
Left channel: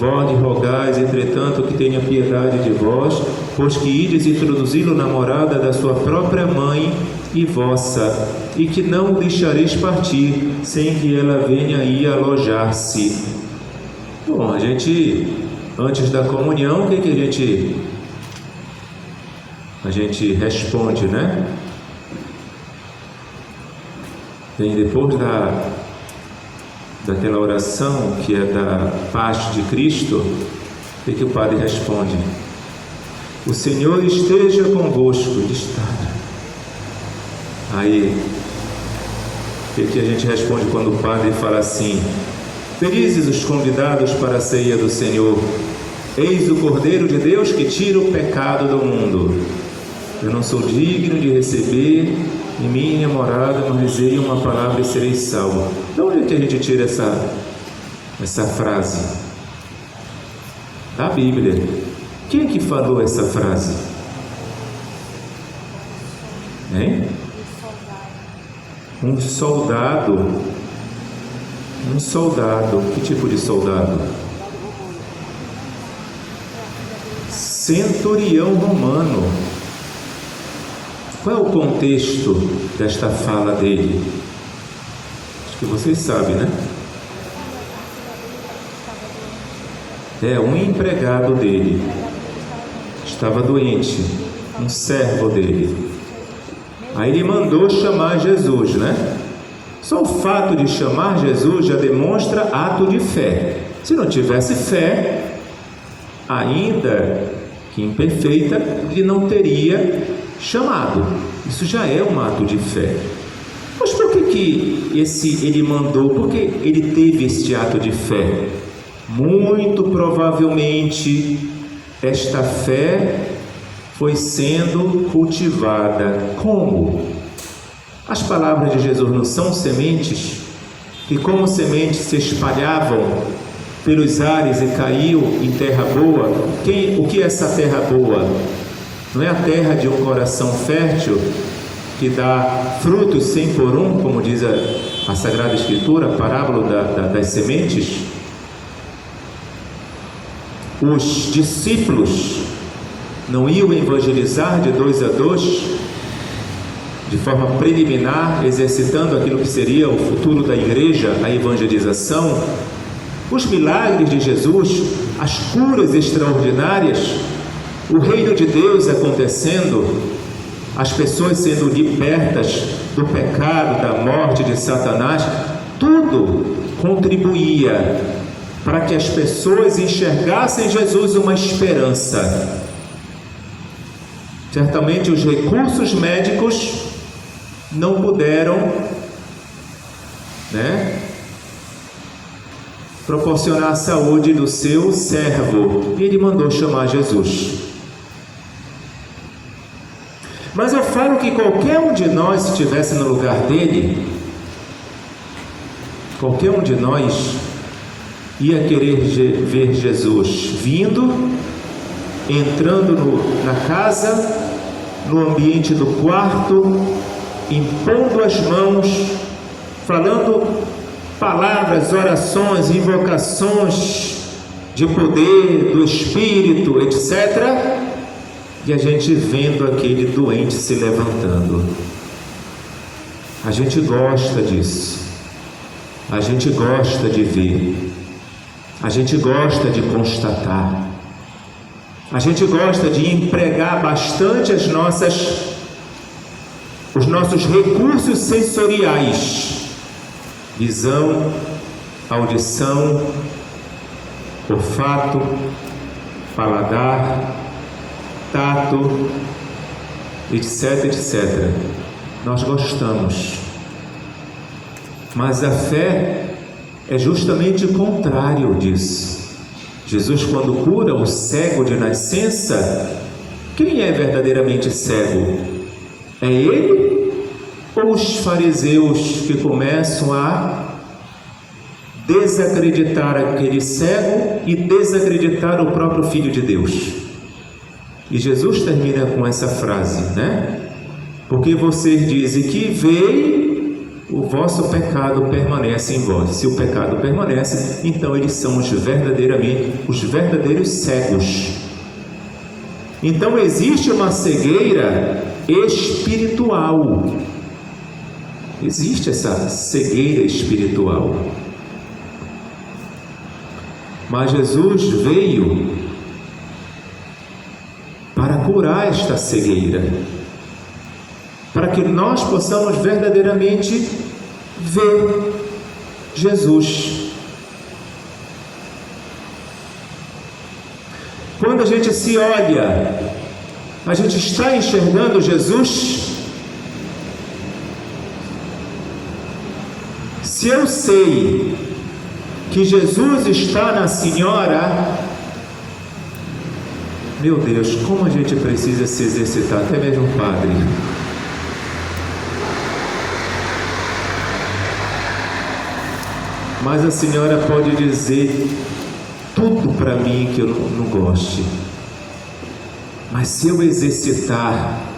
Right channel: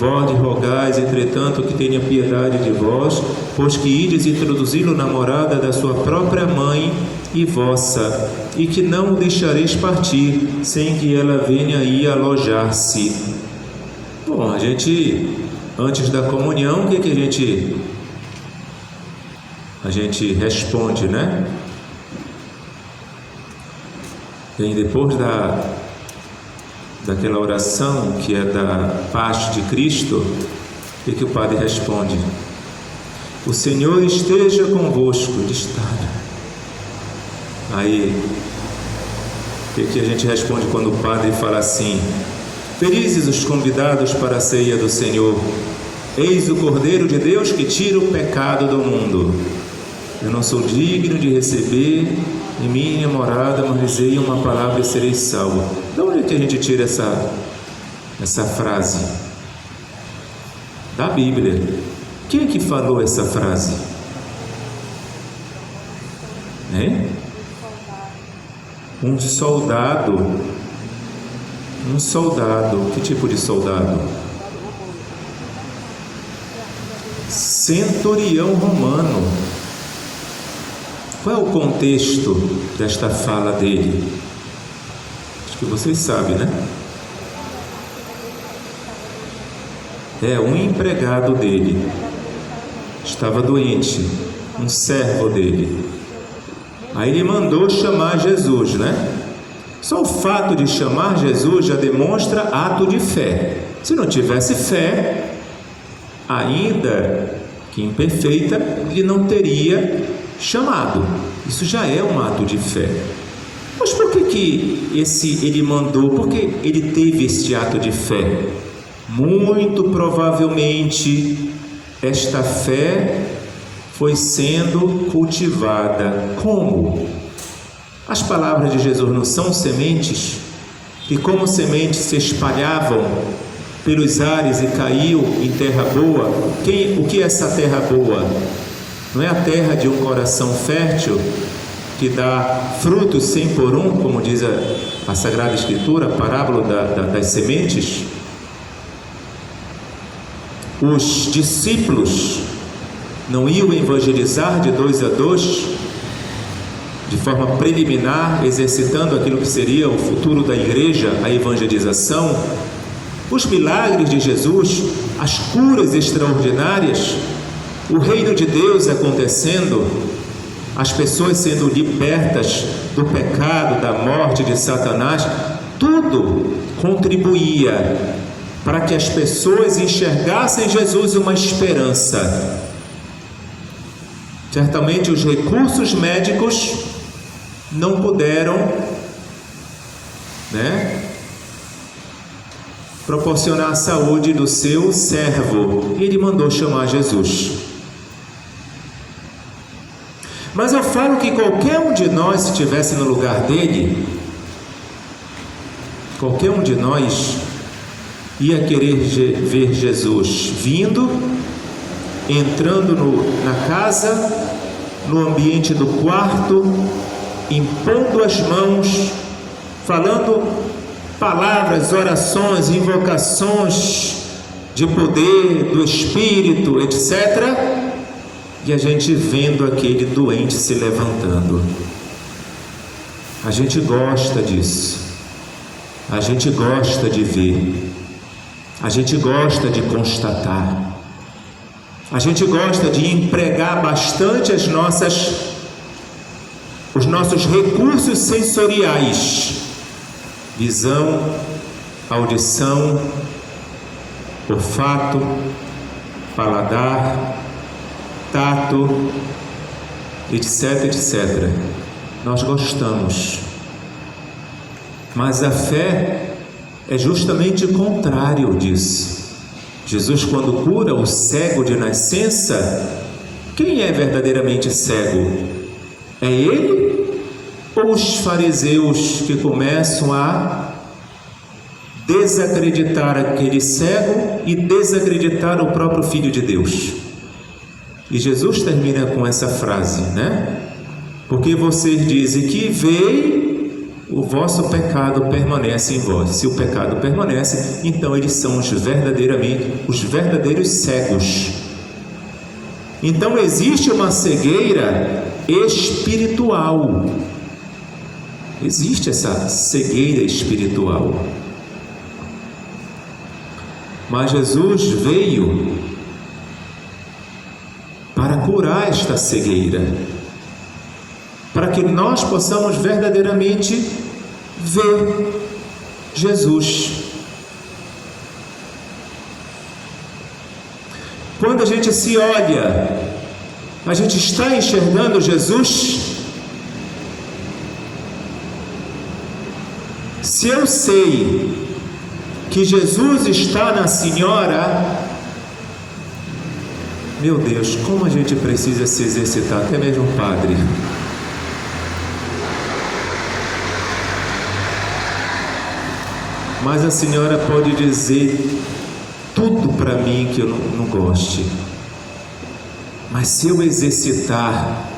Vós rogais, entretanto, que tenha piedade de vós, pois que ides introduzi-lo na morada da sua própria mãe e vossa, e que não o deixareis partir, sem que ela venha aí alojar-se. Bom, a gente, antes da comunhão, o que a gente responde, né? E depois daquela oração que é da paz de Cristo, o que o Padre responde? O Senhor esteja convosco. Ele está. Aí, o que a gente responde quando o Padre fala assim: felizes os convidados para a ceia do Senhor? Eis o Cordeiro de Deus que tira o pecado do mundo. Eu não sou digno de receber em minha morada, mas dizei uma palavra e serei salvo. De onde é que a gente tira essa frase? Da Bíblia. Quem é que falou essa frase? Hein? Um soldado. Um soldado. Que tipo de soldado? Centurião romano. Qual é o contexto desta fala dele? Acho que vocês sabem, né? Um empregado dele estava doente, um servo dele. Aí ele mandou chamar Jesus, né? Só o fato de chamar Jesus já demonstra ato de fé. Se não tivesse fé, ainda que imperfeita, ele não teria chamado. Isso já é um ato de fé. Mas por que ele mandou? Por que ele teve este ato de fé? Muito provavelmente esta fé foi sendo cultivada. Como? As palavras de Jesus não são sementes, e como sementes se espalhavam pelos ares e caiu em terra boa. O que é essa terra boa? Não é a terra de um coração fértil que dá frutos 100 por 1, como diz a Sagrada Escritura, a parábola das sementes? Os discípulos não iam evangelizar de 2 a 2, de forma preliminar, exercitando aquilo que seria o futuro da igreja, a evangelização. Os milagres de Jesus, as curas extraordinárias, o reino de Deus acontecendo, as pessoas sendo libertas do pecado, da morte de Satanás, tudo contribuía para que as pessoas enxergassem em Jesus uma esperança. Certamente os recursos médicos não puderam, proporcionar a saúde do seu servo, e ele mandou chamar Jesus. Mas eu falo que qualquer um de nós, se estivesse no lugar dele, qualquer um de nós ia querer ver Jesus vindo, entrando na casa, no ambiente do quarto, impondo as mãos, falando palavras, orações, invocações de poder, do Espírito, etc. E a gente vendo aquele doente se levantando. A gente gosta disso. A gente gosta de ver. A gente gosta de constatar. A gente gosta de empregar bastante os nossos recursos sensoriais: visão, audição, olfato, paladar, tato, etc, etc. Nós gostamos. Mas a fé é justamente o contrário disso. Jesus, quando cura o cego de nascença, quem é verdadeiramente cego? É ele ou os fariseus que começam a desacreditar aquele cego e desacreditar o próprio Filho de Deus? E Jesus termina com essa frase, Porque vocês dizem que veio, o vosso pecado permanece em vós. Se o pecado permanece, então eles são os verdadeiros cegos. Então existe uma cegueira espiritual. Existe essa cegueira espiritual. Mas Jesus veio para curar esta cegueira, para que nós possamos verdadeiramente ver Jesus. Quando a gente se olha, a gente está enxergando Jesus? Se eu sei que Jesus está na senhora, Meu Deus, como a gente precisa se exercitar, até mesmo padre. Mas a senhora pode dizer tudo para mim que eu não goste. Mas se eu exercitar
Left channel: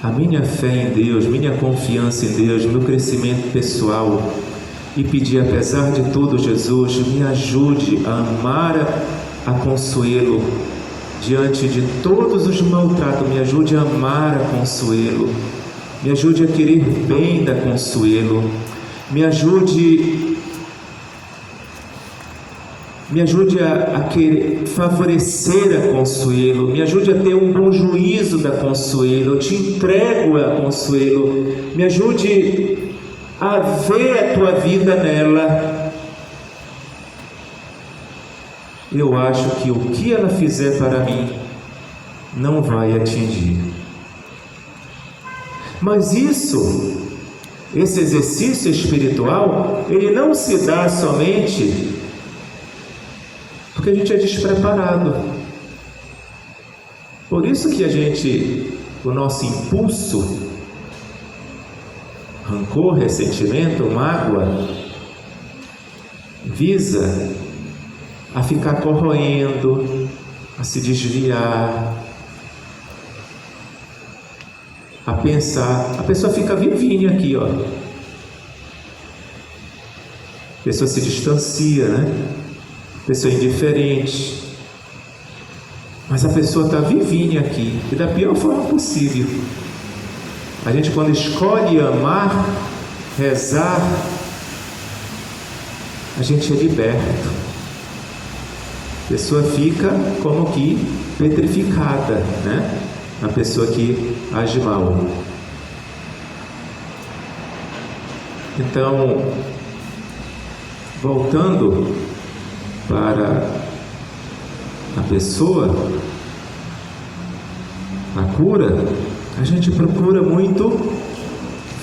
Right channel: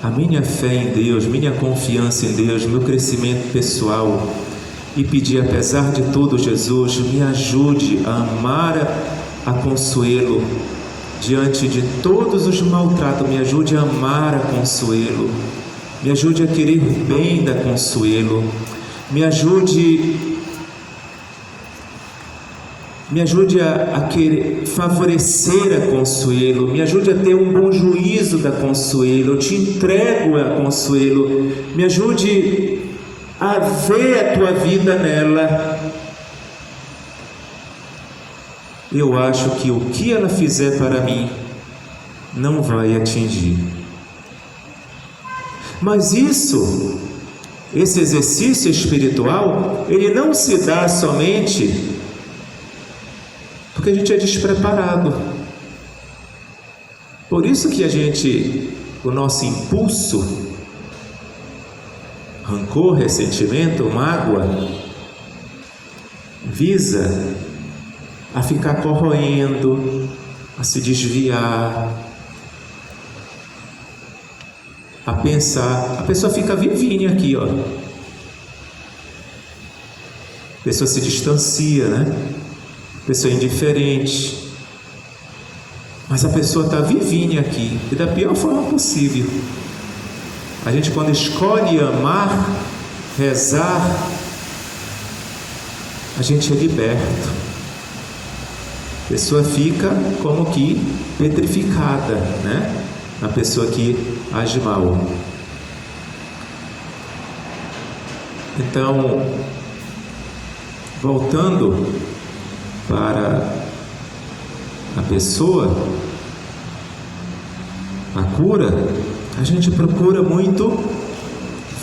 a minha fé em Deus, minha confiança em Deus, meu crescimento pessoal, e pedir, apesar de tudo, Jesus, me ajude a amar a Consuelo diante de todos os maltratos, me ajude a amar a Consuelo, me ajude a querer bem da Consuelo, me ajude a querer favorecer a Consuelo, me ajude a ter um bom juízo da Consuelo, eu te entrego a Consuelo, me ajude a ver a tua vida nela. Eu acho que o que ela fizer para mim não vai atingir. Mas esse exercício espiritual, ele não se dá somente porque a gente é despreparado. Por isso que o nosso impulso, rancor, ressentimento, mágoa, visa a ficar corroendo, a se desviar, a pensar. A pessoa fica vivinha aqui, ó. A pessoa se distancia, né? A pessoa é indiferente. Mas a pessoa está vivinha aqui, e da pior forma possível. A gente, quando escolhe amar, rezar, a gente é liberto. A pessoa fica como que petrificada, né? A pessoa que age mal. Então, voltando para a pessoa, a cura, a gente procura muito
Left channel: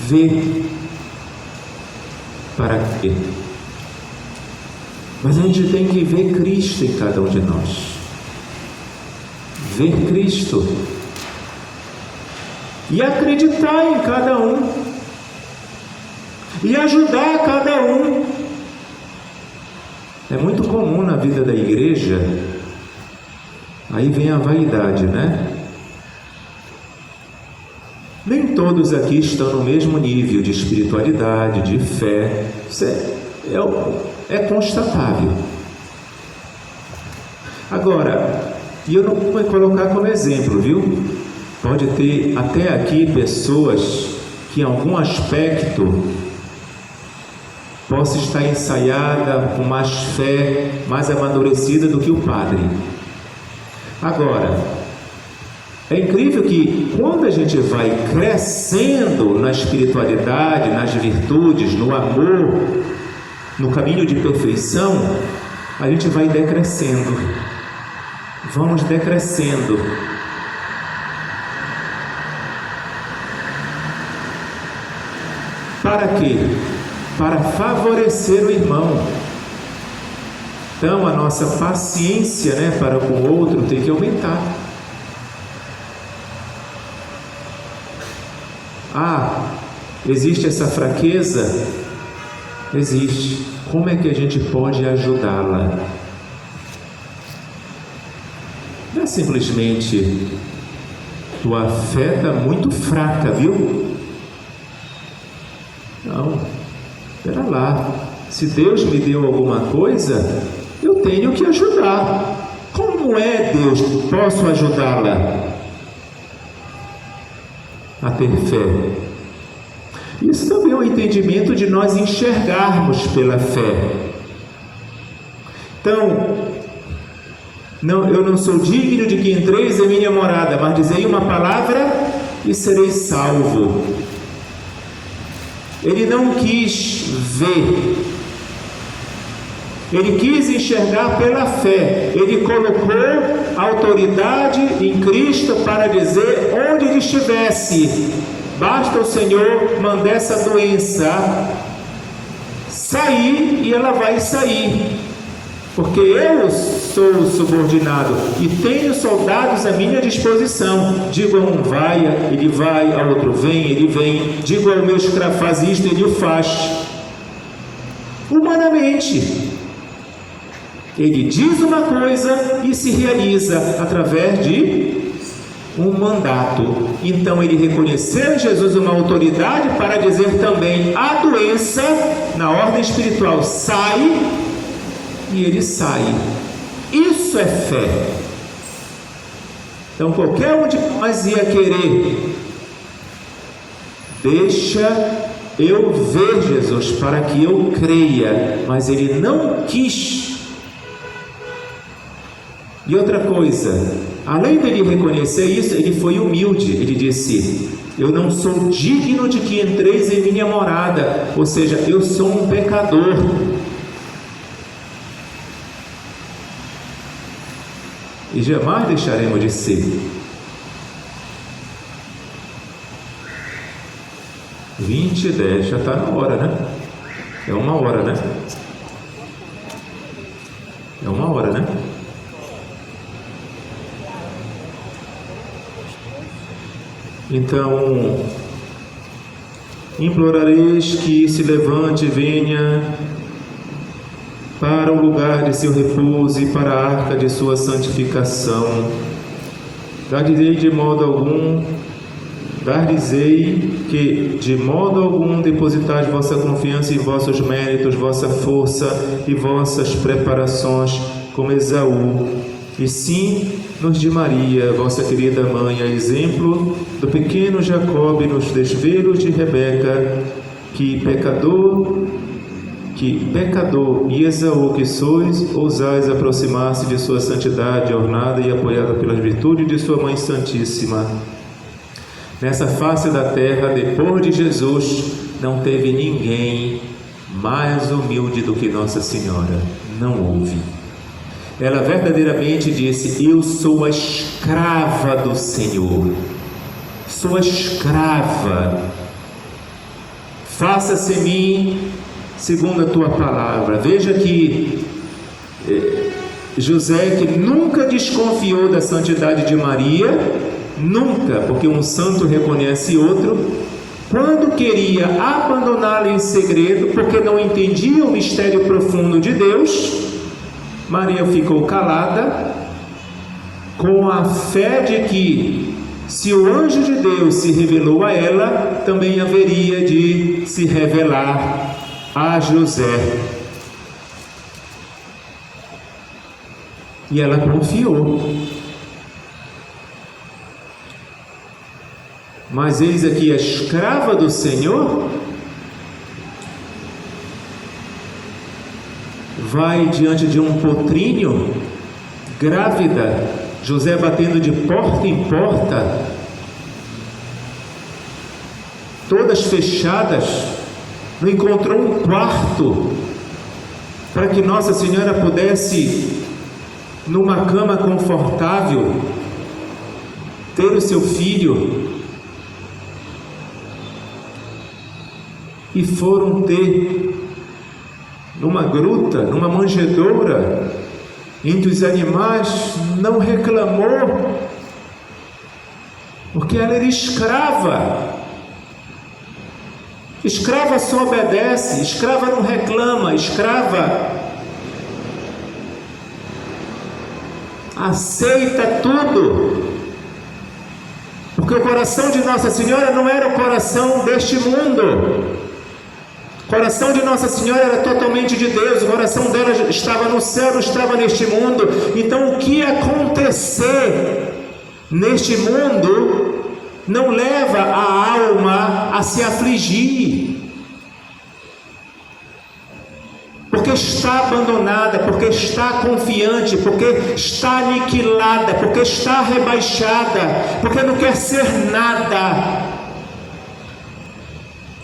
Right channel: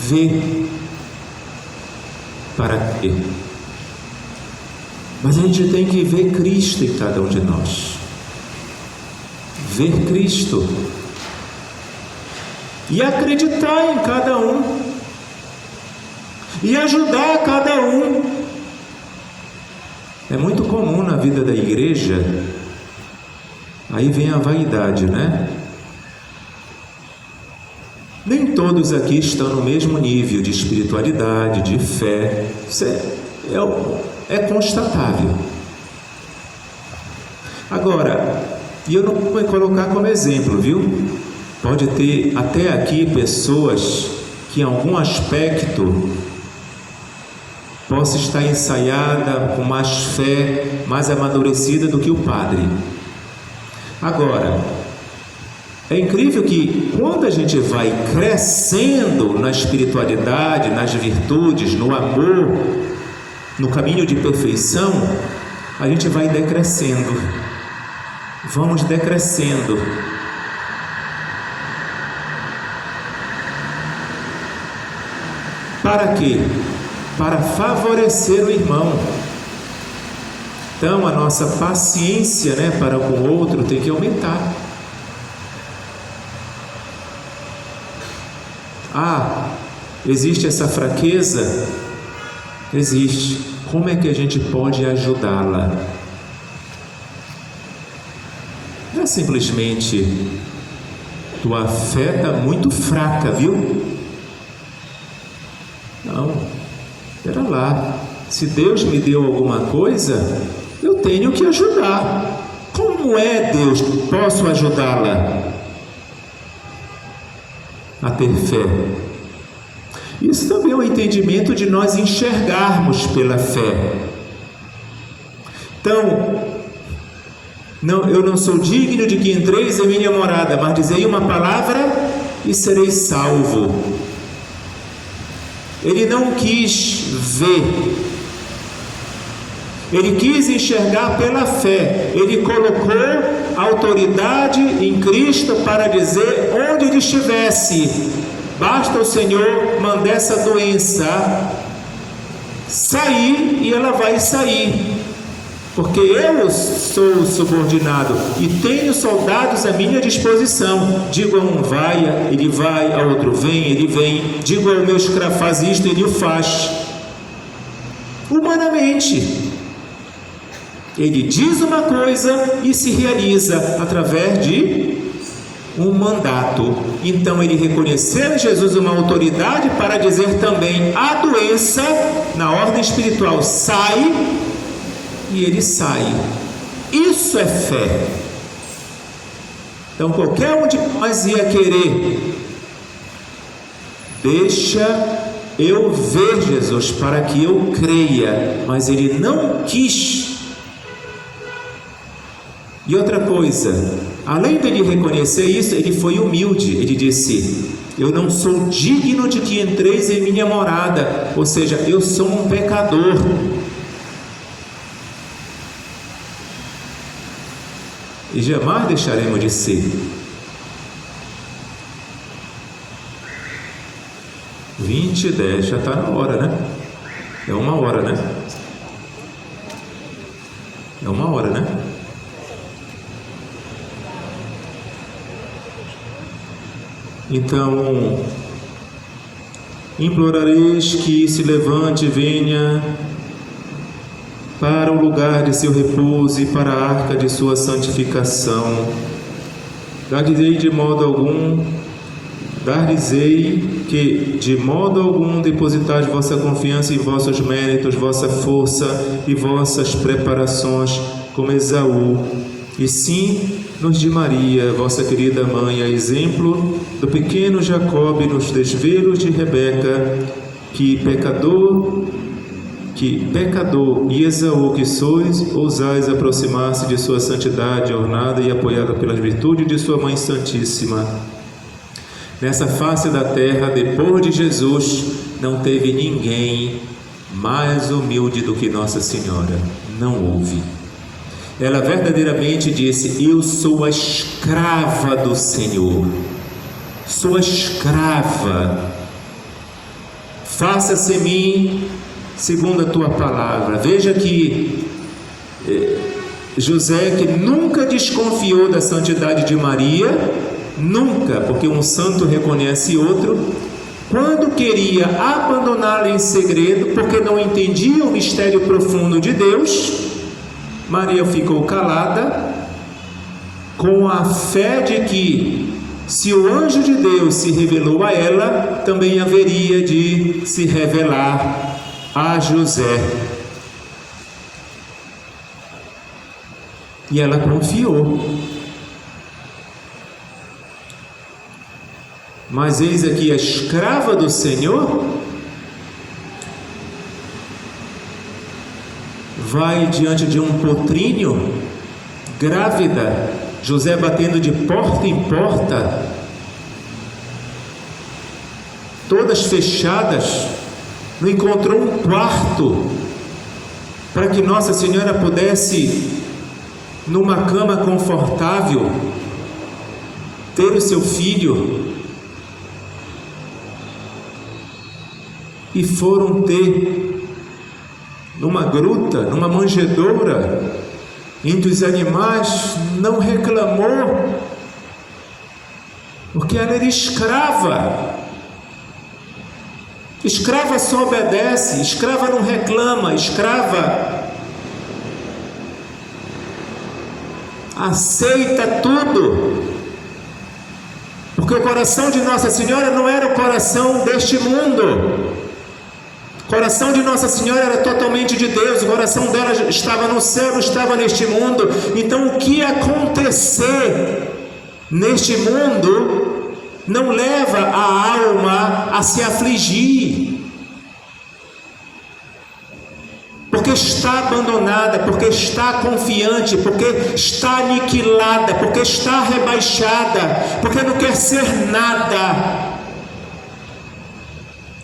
ver para quê. Mas a gente tem que ver Cristo em cada um de nós. Ver Cristo. E acreditar em cada um. E ajudar cada um. É muito comum na vida da igreja. Aí vem a vaidade, né? Nem todos aqui estão no mesmo nível de espiritualidade, de fé. Isso é constatável. Agora, e eu não vou colocar como exemplo, viu? Pode ter até aqui pessoas que em algum aspecto possa estar ensaiada, com mais fé, mais amadurecida do que o padre. Agora, é incrível que quando a gente vai crescendo na espiritualidade, nas virtudes, no amor, no caminho de perfeição, a gente vai decrescendo. Vamos decrescendo. Para quê? Para favorecer o irmão. Então a nossa paciência, né, para com o outro tem que aumentar. Existe essa fraqueza? Existe. Como é que a gente pode ajudá-la? Não é simplesmente tua fé está muito fraca, viu? Não. Espera lá. Se Deus me deu alguma coisa, eu tenho que ajudar. Como é, Deus, posso ajudá-la a ter fé? Isso também é um entendimento de nós enxergarmos pela fé. Então, eu não sou digno de que entreis em minha morada, mas dizei uma palavra e sereis salvo. Ele não quis ver, ele quis enxergar pela fé. Ele colocou a autoridade em Cristo para dizer onde ele estivesse: basta o Senhor mandar essa doença sair e ela vai sair. porque eu sou subordinado e tenho soldados à minha disposição. Digo a um vai, ele vai, ao outro vem, ele vem. Digo ao meu escravo faz isto, ele o faz. Humanamente, ele diz uma coisa e se realiza através de um mandato. Então ele reconheceu em Jesus uma autoridade para dizer também a doença, na ordem espiritual, sai, e ele sai. Isso é fé. Então qualquer um de nós ia querer, deixa eu ver Jesus para que eu creia, mas ele não quis. E outra coisa, além dele reconhecer isso, ele foi humilde. Ele disse: eu não sou digno de que entreis em minha morada, ou seja, eu sou um pecador. E jamais deixaremos de ser. 20:10, já está na hora, né? É uma hora, né? É uma hora, né? Então, implorareis que se levante e venha para o lugar de seu repouso e para a arca de sua santificação. Dar-lhes-ei que de modo algum depositais vossa confiança em vossos méritos, vossa força e vossas preparações, como Esaú, e sim nos de Maria, vossa querida mãe, a exemplo do pequeno Jacob nos desvelos de Rebeca, que pecador e Esaú que sois, ousais aproximar-se de sua santidade, ornada e apoiada pelas virtudes de sua Mãe Santíssima. Nessa face da terra, depois de Jesus, não teve ninguém mais humilde do que Nossa Senhora. Não houve. Ela verdadeiramente disse: eu sou a escrava do Senhor, sou a escrava, faça-se em mim segundo a tua palavra. Veja que José, que nunca desconfiou da santidade de Maria, nunca, porque um santo reconhece outro, quando queria abandoná-la em segredo, porque não entendia o mistério profundo de Deus, Maria ficou calada, com a fé de que, se o anjo de Deus se revelou a ela, também haveria de se revelar a José. E ela confiou. Mas eis aqui a escrava do Senhor vai diante de um potrinho, grávida, José batendo de porta em porta, todas fechadas, não encontrou um quarto para que Nossa Senhora pudesse, numa cama confortável, ter o seu filho. E foram ter numa gruta, numa manjedoura, entre os animais. Não reclamou, porque ela era escrava. Escrava só obedece, escrava não reclama, escrava aceita tudo, porque o coração de Nossa Senhora não era o coração deste mundo. O coração de Nossa Senhora era totalmente de Deus, o coração dela estava no céu, não estava neste mundo. Então o que acontecer neste mundo não leva a alma a se afligir, porque está abandonada, porque está confiante, porque está aniquilada, porque está rebaixada, porque não quer ser nada.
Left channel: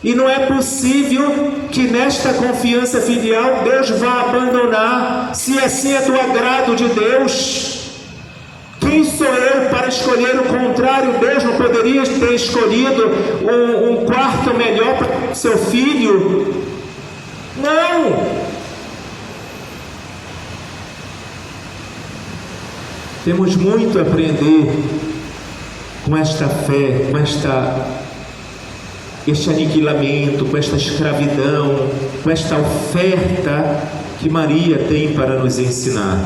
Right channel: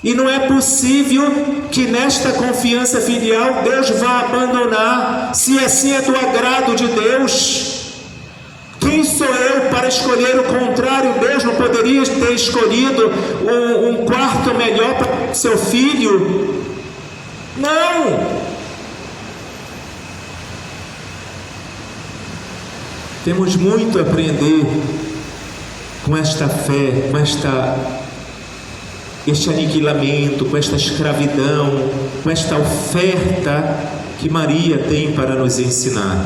E não é possível que nesta confiança filial Deus vá abandonar, se assim é do agrado de Deus. Quem sou eu para escolher o contrário? Deus não poderia ter escolhido um quarto melhor para o seu filho? Não! Temos muito a aprender com esta fé, com este aniquilamento, com esta escravidão, com esta oferta que Maria tem para nos ensinar.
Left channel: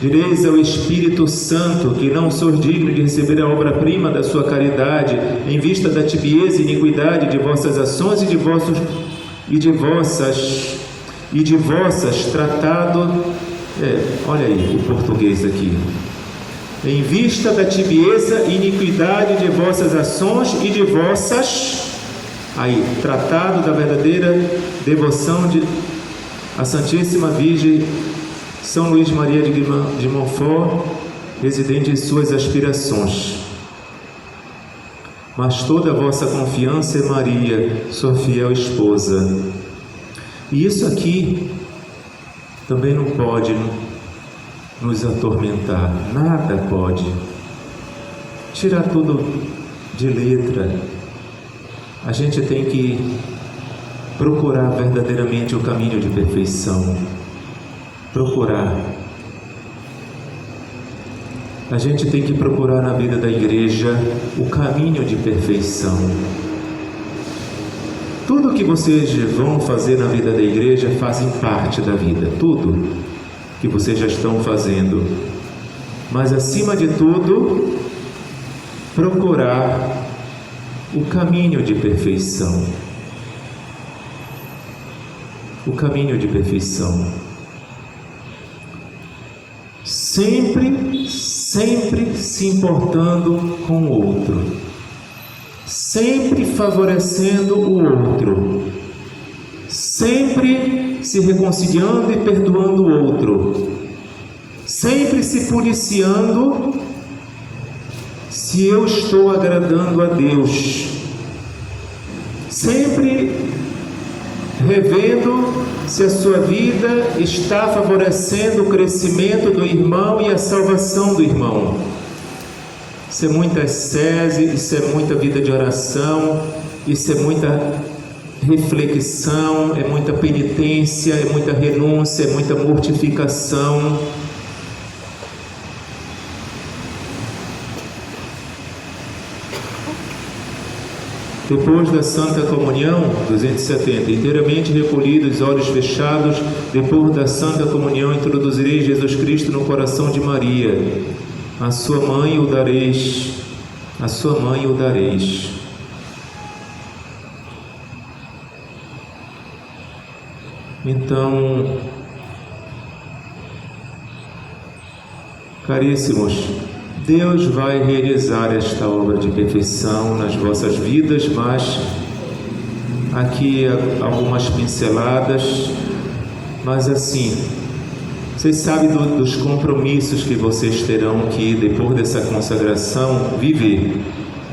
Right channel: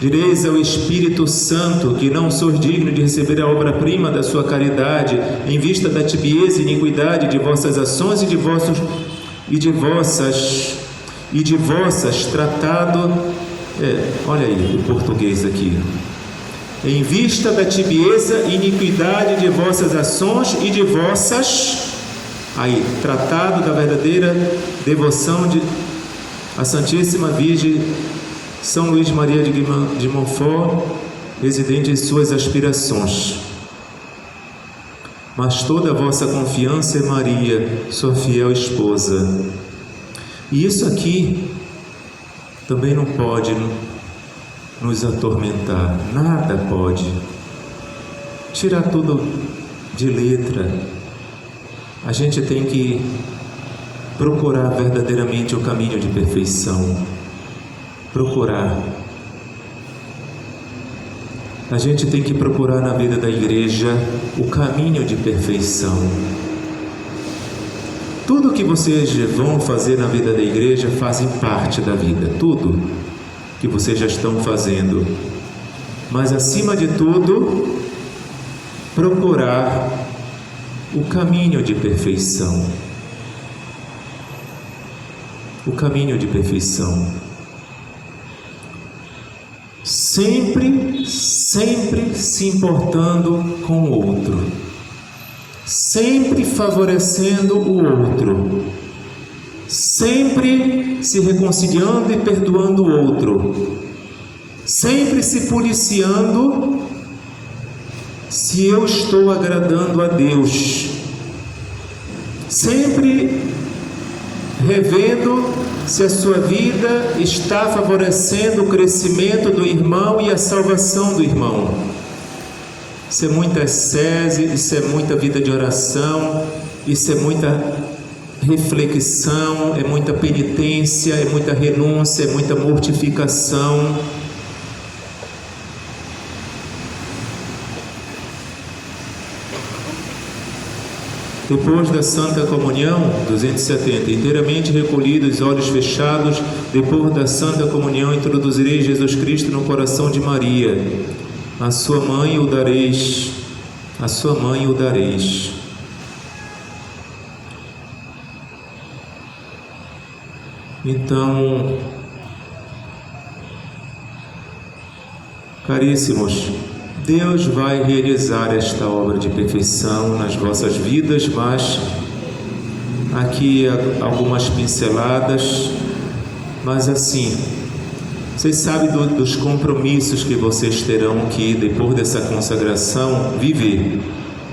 Direis ao Espírito Santo que não sou digno de receber a obra-prima da sua caridade, em vista da tibieza e iniquidade de vossas ações e de vossas tratado. Olha aí o português aqui. Em vista da tibieza e iniquidade de vossas ações e de vossas, tratado da verdadeira devoção à Santíssima Virgem São Luís Maria de Montfort, residente em suas aspirações. Mas toda a vossa confiança é Maria, sua fiel esposa. E isso aqui também não pode nos atormentar, nada pode tirar tudo de letra. A gente tem que procurar verdadeiramente o caminho de perfeição. Procurar. A gente tem que procurar na vida da igreja o caminho de perfeição. Tudo que vocês vão fazer na vida da igreja fazem parte da vida, tudo que vocês já estão fazendo. Mas acima de tudo, procurar o caminho de perfeição. O caminho de perfeição. Sempre se importando com o outro, sempre favorecendo o outro, sempre se reconciliando e perdoando o outro, sempre se policiando se eu estou agradando a Deus, sempre revendo se a sua vida está favorecendo o crescimento do irmão e a salvação do irmão. Isso é muita ascese, isso é muita vida de oração, isso é muita reflexão, é muita penitência, é muita renúncia, é muita mortificação. Depois da Santa Comunhão, 270, inteiramente recolhidos, olhos fechados, depois da Santa Comunhão, introduzirei Jesus Cristo no coração de Maria. A sua mãe o dareis, a sua mãe o dareis. Então, caríssimos, Deus vai realizar esta obra de perfeição nas vossas vidas, mas aqui algumas pinceladas, mas assim, vocês sabem dos compromissos que vocês terão aqui depois dessa consagração, viver,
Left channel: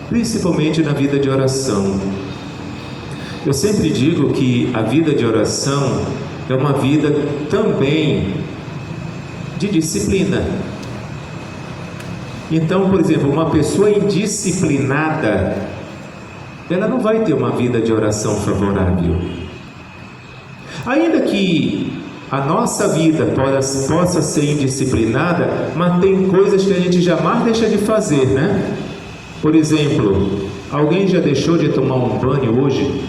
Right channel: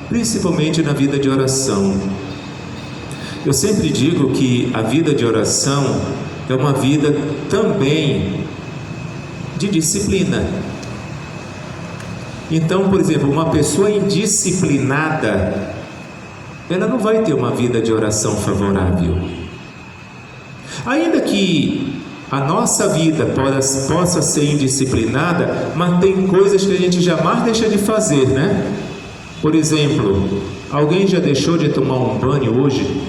principalmente na vida de oração. Eu sempre digo que a vida de oração é uma vida também de disciplina. Então, por exemplo, uma pessoa indisciplinada, ela não vai ter uma vida de oração favorável. Ainda que a nossa vida possa ser indisciplinada, mas tem coisas que a gente jamais deixa de fazer, né? Por exemplo, alguém já deixou de tomar um banho hoje?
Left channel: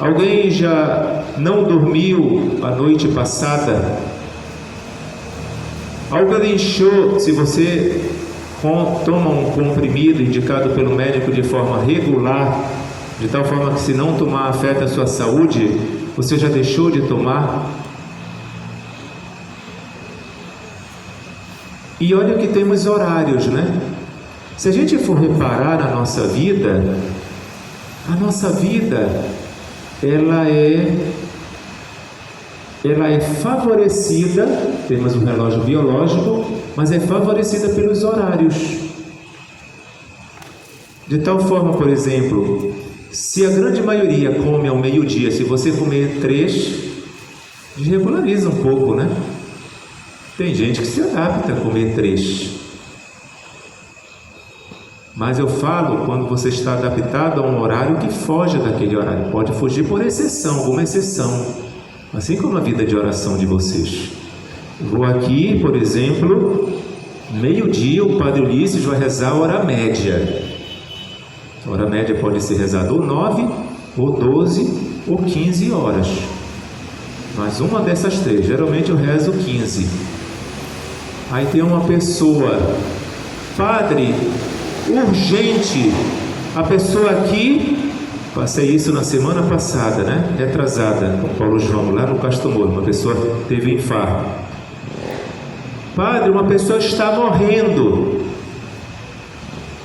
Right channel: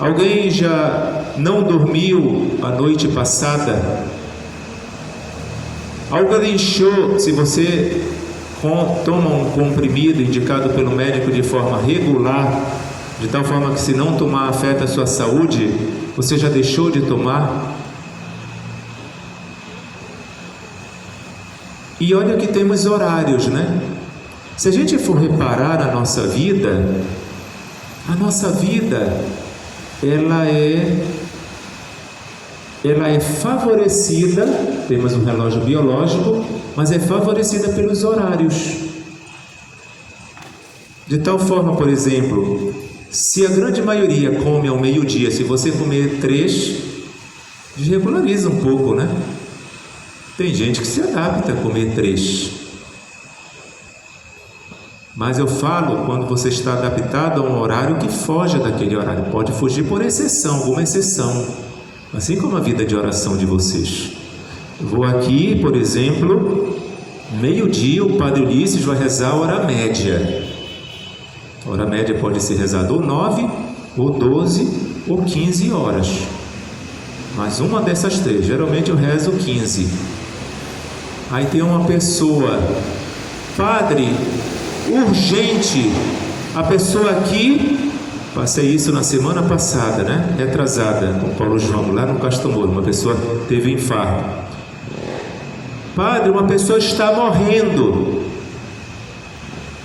Alguém já não dormiu a noite passada? Alguém deixou, se você toma um comprimido indicado pelo médico de forma regular, de tal forma que se não tomar afeta a sua saúde, você já deixou de tomar? E olha que temos horários, né? Se a gente for reparar a nossa vida ela é favorecida, temos um relógio biológico, mas é favorecida pelos horários. De tal forma, por exemplo, se a grande maioria come ao meio-dia, se você comer 3, desregulariza um pouco, né? Tem gente que se adapta a comer 3. Mas eu falo quando você está adaptado a um horário que foge daquele horário. Pode fugir por exceção, alguma exceção. assim como a vida de oração de vocês. Vou aqui, por exemplo, meio-dia, o Padre Ulisses vai rezar a hora média. A hora média pode ser rezada ou 9, ou 12, ou 15 horas. Mas uma dessas três, geralmente eu rezo 15. Aí tem uma pessoa, padre, urgente, a pessoa aqui, passei isso na semana passada, né? Retrasada, com Paulo João, lá no Castro Moro, uma pessoa teve infarto. Padre, uma pessoa está morrendo.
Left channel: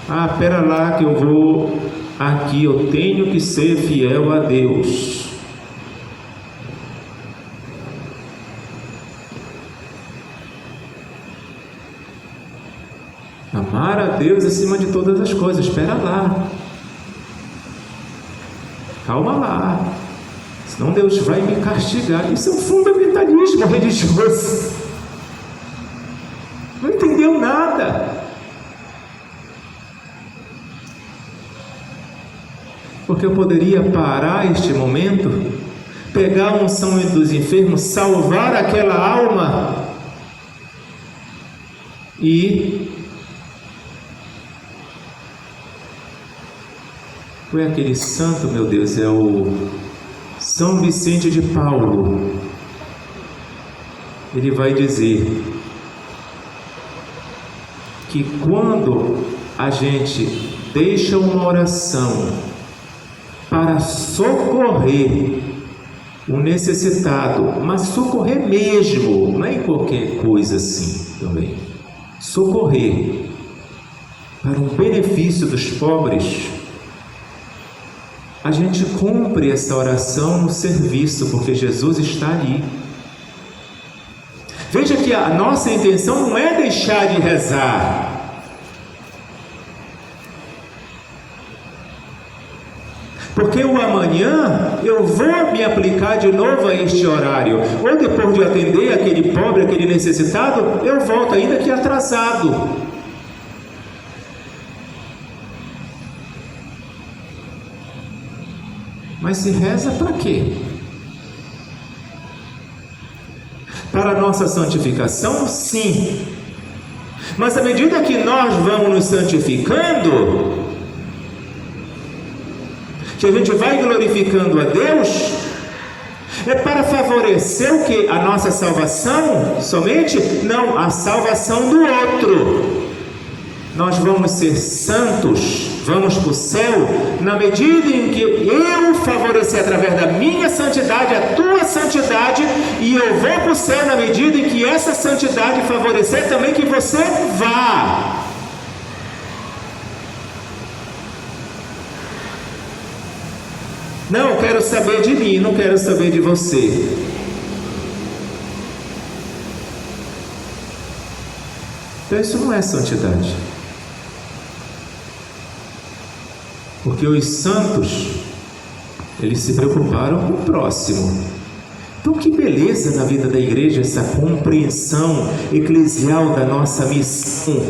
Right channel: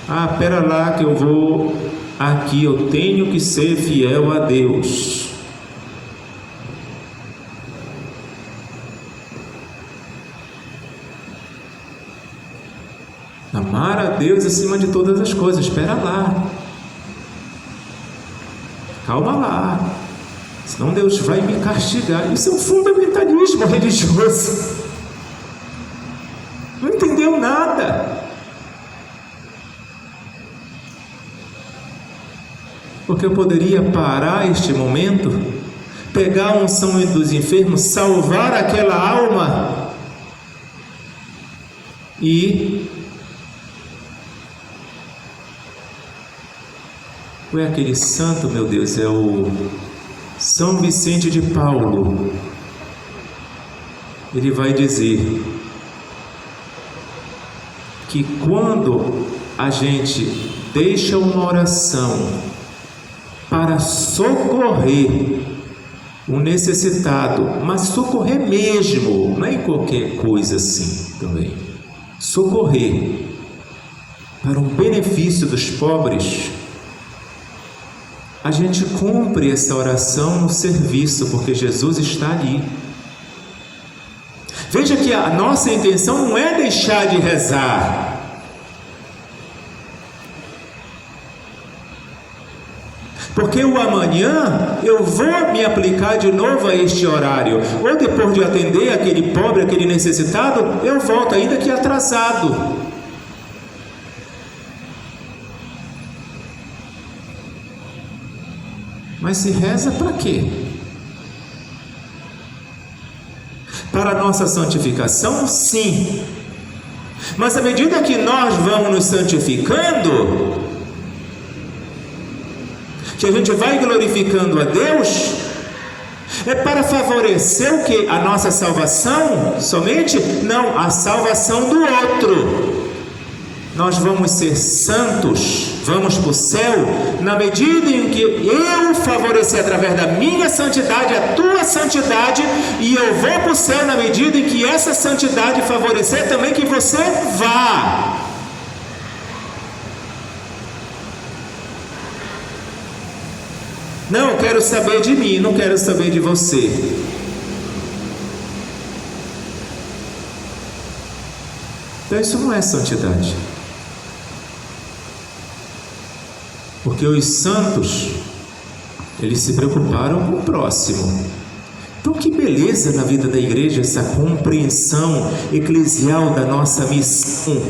Ah, pera lá que eu vou aqui, eu tenho que ser fiel a Deus. Amar a Deus acima de todas as coisas. Espera lá. Calma lá. Senão Deus vai me castigar. Isso é um fundamentalismo religioso. Não entendeu nada. Porque eu poderia parar este momento, pegar a unção dos enfermos, salvar aquela alma e foi aquele santo, meu Deus, é o São Vicente de Paulo. Ele vai dizer que quando a gente deixa uma oração para socorrer o necessitado, mas socorrer mesmo, não é em qualquer coisa assim também, socorrer para o benefício dos pobres, a gente cumpre essa oração no serviço, porque Jesus está ali. Veja que a nossa intenção não é deixar de rezar. Porque o amanhã eu vou me aplicar de novo a este horário. Ou depois de atender aquele pobre, aquele necessitado, eu volto ainda que atrasado. Mas se reza para quê? Para a nossa santificação? Sim. Mas à medida que nós vamos nos santificando, que a gente vai glorificando a Deus, é para favorecer o que? A nossa salvação somente? Não, a salvação do outro. Nós vamos ser santos, vamos para o céu, na medida em que eu favorecer através da minha santidade, a tua santidade, e eu vou para o céu na medida em que essa santidade favorecer também que você vá. Não, eu quero saber de mim, não quero saber de você. Então isso não é santidade. Porque os santos, eles se preocuparam com o próximo. Então que beleza na vida da igreja essa compreensão eclesial da nossa missão.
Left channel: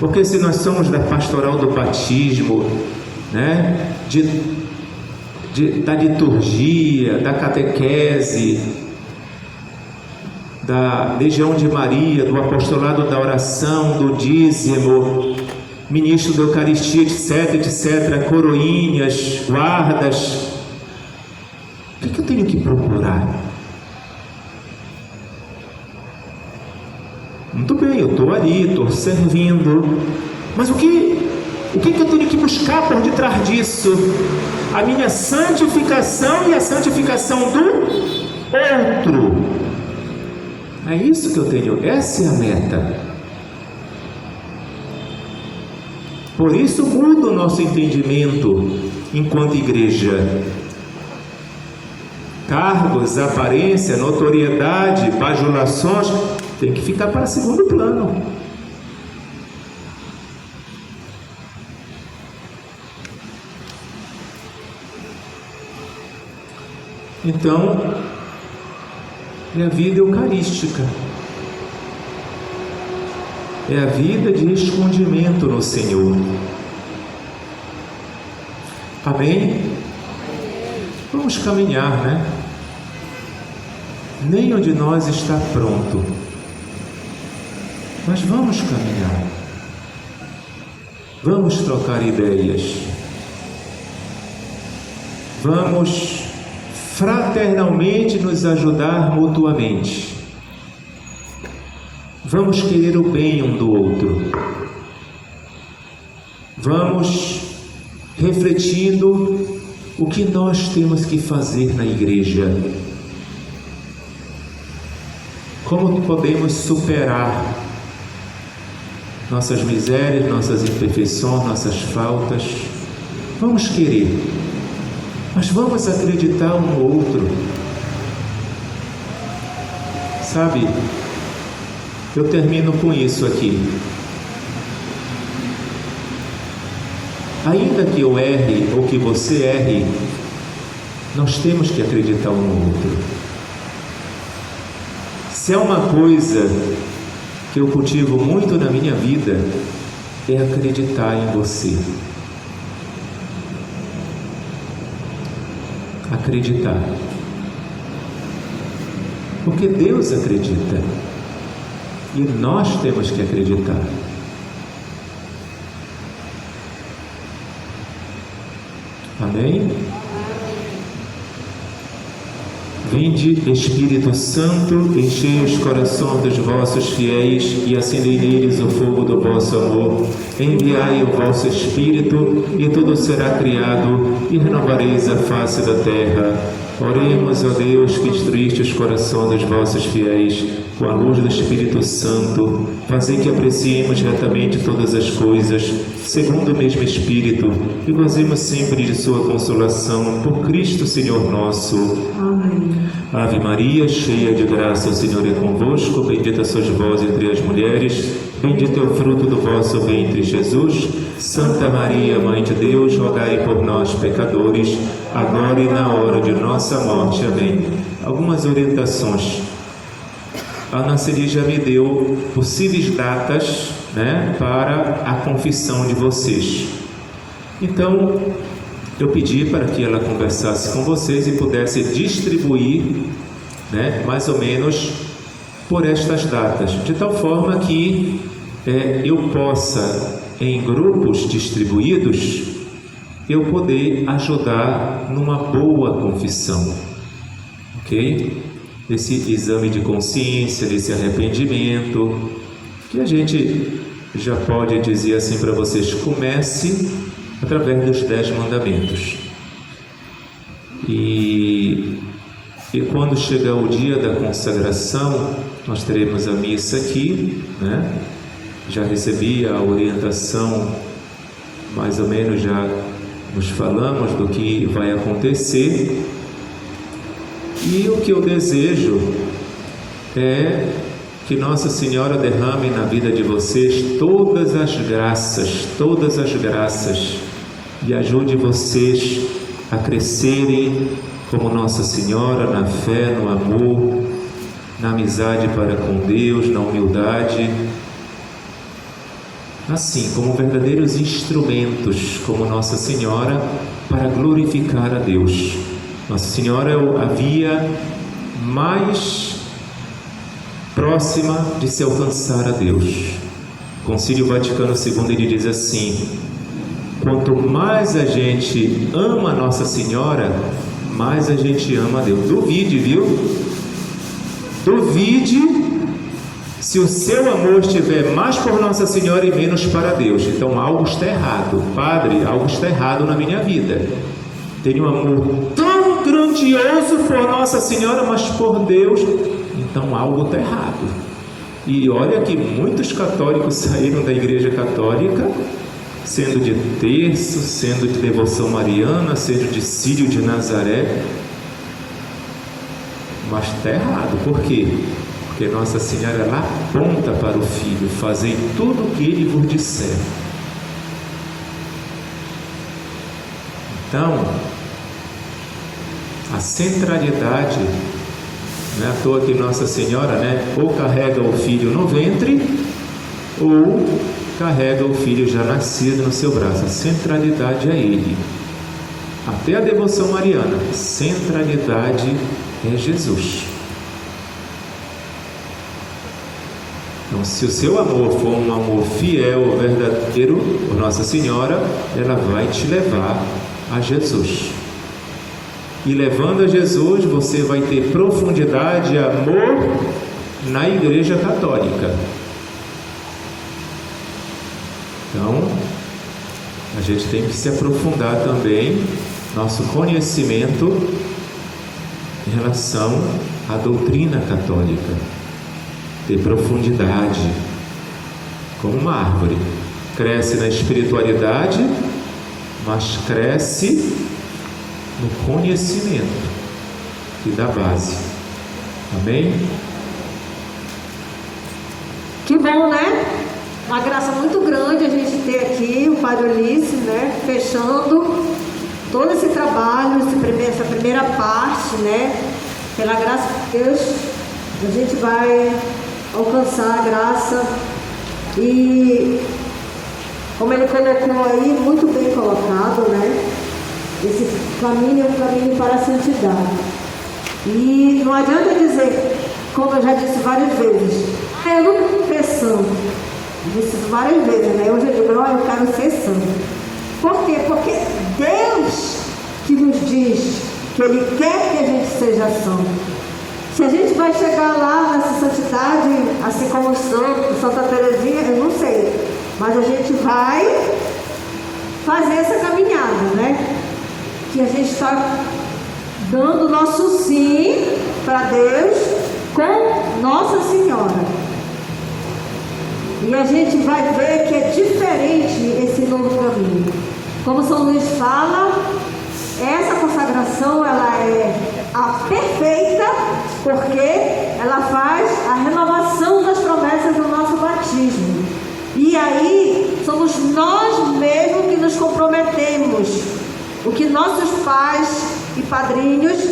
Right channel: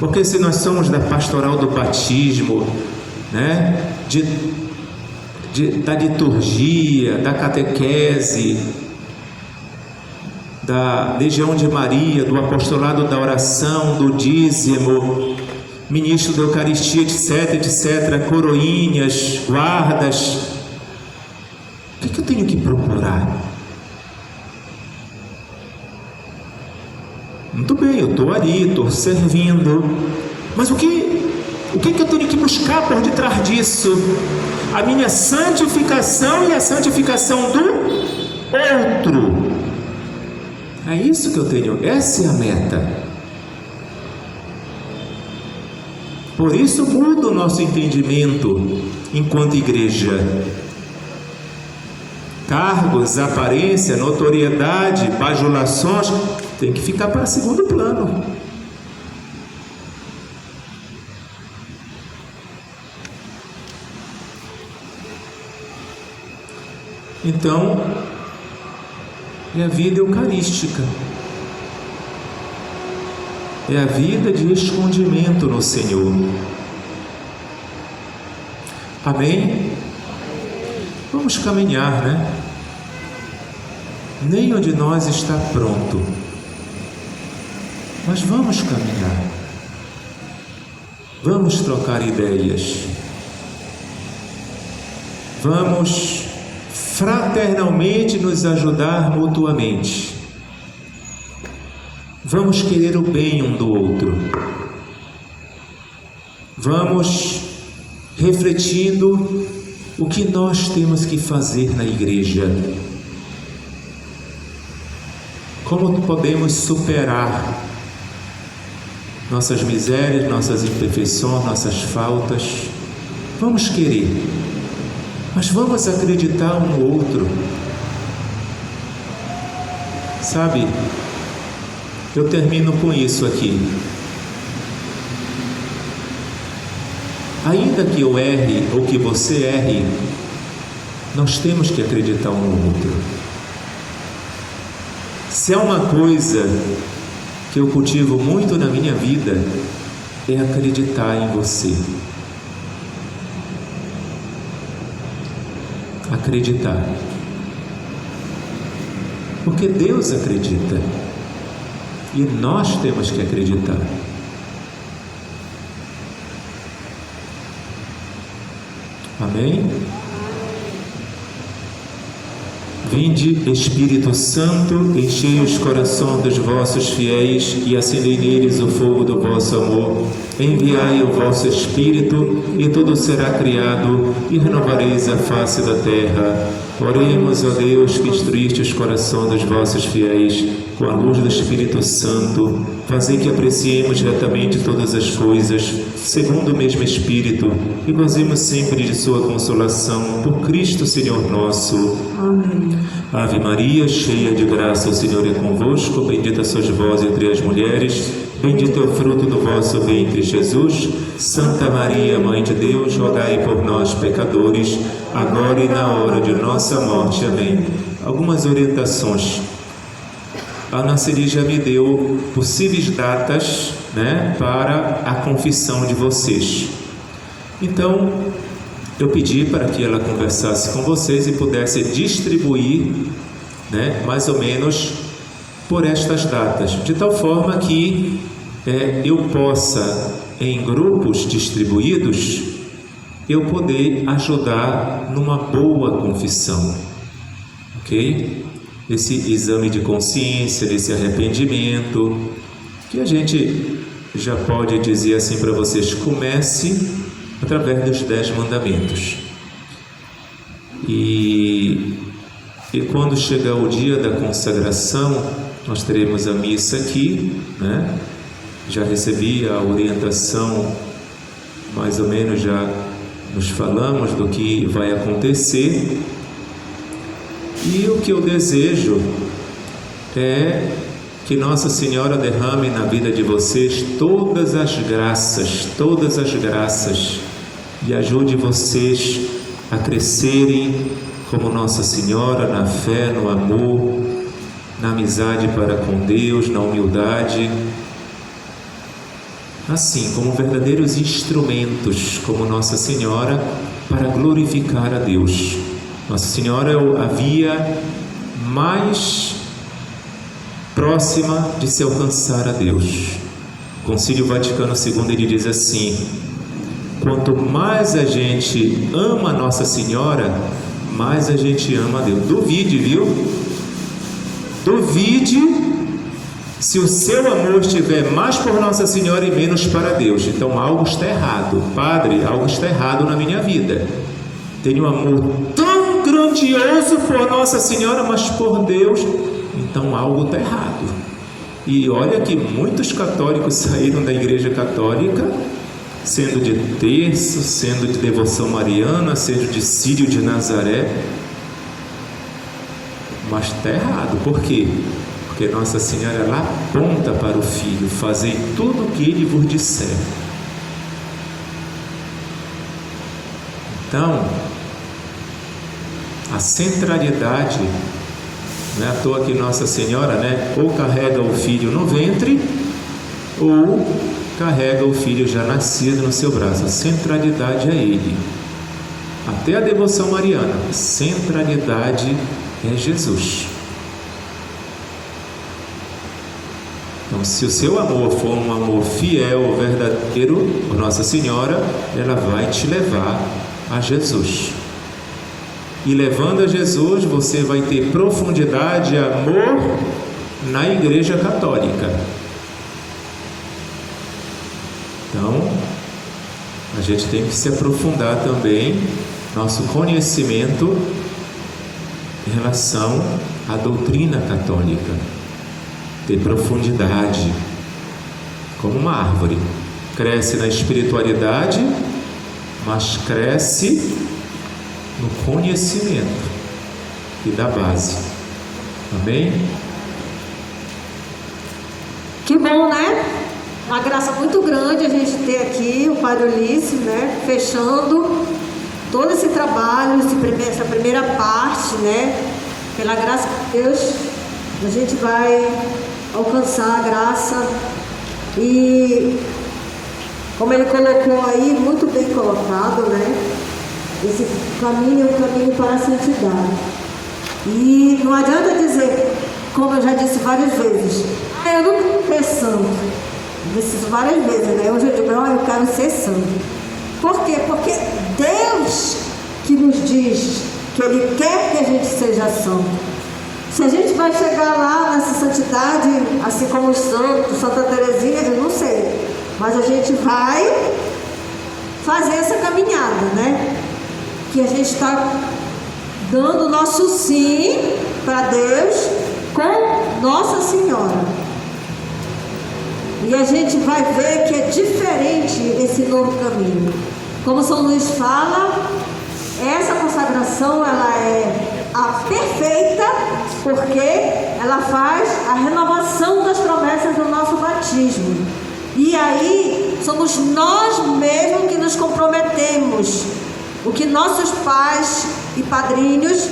Porque se nós somos da pastoral do batismo, né, da liturgia, da catequese, da Legião de Maria, do apostolado da oração, do dízimo, ministro da Eucaristia, etc, etc, coroinhas, guardas, o que eu tenho que procurar? Muito bem, eu estou ali, estou servindo, mas o que eu tenho que buscar por detrás disso? A minha santificação e a santificação do outro. É isso que eu tenho, essa é a meta. Por isso muda o nosso entendimento enquanto igreja. Cargos, aparência, notoriedade, bajulações tem que ficar para segundo plano. Então, é a vida eucarística, é a vida de escondimento no Senhor. Amém? Vamos caminhar, né? nenhum de nós está pronto. Mas vamos caminhar. Vamos trocar ideias. Vamos fraternalmente nos ajudar mutuamente. Vamos querer o bem um do outro. Vamos refletindo o que nós temos que fazer na igreja. Como podemos superar nossas misérias, nossas imperfeições, nossas faltas. Vamos querer, mas vamos acreditar um no outro. Sabe, eu termino com isso aqui. Ainda que eu erre ou que você erre, nós temos que acreditar um no outro. Se há uma coisa que eu cultivo muito na minha vida, é acreditar em você. Acreditar. Porque Deus acredita. E nós temos que acreditar. Amém? Vinde, Espírito Santo, enchei os corações dos vossos fiéis e acendei neles o fogo do vosso amor. Enviai o vosso Espírito e tudo será criado e renovareis a face da terra. Oremos a Deus que instruíste os corações dos vossos fiéis com a luz do Espírito Santo. Fazei que apreciemos retamente todas as coisas, segundo o mesmo Espírito, e gozemos sempre de sua consolação, por Cristo Senhor nosso. Amém. Ave Maria, cheia de graça, o Senhor é convosco. Bendita sois vós entre as mulheres, bendito é o fruto do vosso ventre, Jesus. Santa Maria, Mãe de Deus, rogai por nós, pecadores, agora e na hora de nossa morte. Amém. Algumas orientações. A Ana Celi já me deu possíveis datas, para a confissão de vocês. Então, eu pedi para que ela conversasse com vocês e pudesse distribuir, mais ou menos por estas datas, de tal forma que eu possa, em grupos distribuídos, eu poder ajudar numa boa confissão, ok? Desse exame de consciência, desse arrependimento, que a gente já pode dizer assim para vocês: comece através dos 10 mandamentos. E quando chegar o dia da consagração, nós teremos a missa aqui, Já recebi a orientação, mais ou menos já nos falamos do que vai acontecer. E o que eu desejo é que Nossa Senhora derrame na vida de vocês todas as graças, e ajude vocês a crescerem como Nossa Senhora na fé, no amor, na amizade para com Deus, na humildade, assim como verdadeiros instrumentos, como Nossa Senhora, para glorificar a Deus. Nossa Senhora é a via mais próxima de se alcançar a Deus. O Concílio Vaticano II, ele diz assim: quanto mais a gente ama Nossa Senhora, mais a gente ama a Deus. Duvide, viu? Duvide se o seu amor estiver mais por Nossa Senhora e menos para Deus. Então algo está errado. Padre, algo está errado na minha vida. Tenho um amor tão grandioso por Nossa Senhora, mas por Deus, então algo está errado. E olha que muitos católicos saíram da Igreja Católica sendo de terço, sendo de devoção mariana, sendo de Círio de Nazaré, mas está errado. Por quê? Porque Nossa Senhora, ela aponta para o Filho: fazei tudo o que Ele vos disser. Então, a centralidade, não é à toa que Nossa Senhora, ou carrega o Filho no ventre, ou carrega o Filho já nascido no seu braço. A centralidade é Ele. Até a devoção mariana, a centralidade é Jesus. Então, se o seu amor for um amor fiel, verdadeiro, Nossa Senhora, ela vai te levar a Jesus. E levando a Jesus, você vai ter profundidade e amor na Igreja Católica. Então, a gente tem que se aprofundar também nosso conhecimento em relação à doutrina católica, ter profundidade, como uma árvore, cresce na espiritualidade, mas cresce no conhecimento e da base. Amém? Que bom, né? Uma graça muito grande a gente ter aqui o Padre Ulisses, né? Fechando todo esse trabalho, essa primeira parte, né? Pela graça de Deus, a gente vai alcançar a graça e, como ele colocou aí, muito bem colocado, né? Esse caminho é o caminho para a santidade. E não adianta dizer, como eu já disse várias vezes, eu não quero ser santo. Disse várias vezes, né? Hoje eu digo, eu quero ser santo. Por quê? Porque Deus que nos diz que Ele quer que a gente seja santo. Se a gente vai chegar lá nessa santidade, assim como o santo, Santa Teresinha, eu não sei. Mas a gente vai fazer essa caminhada, né? Que a gente está dando o nosso sim para Deus com Nossa Senhora. E a gente vai ver que é diferente esse novo caminho. Como São Luís fala, essa consagração ela é a perfeita, porque ela faz a renovação das promessas do nosso batismo. E aí somos nós mesmos que nos comprometemos. O que nossos pais e padrinhos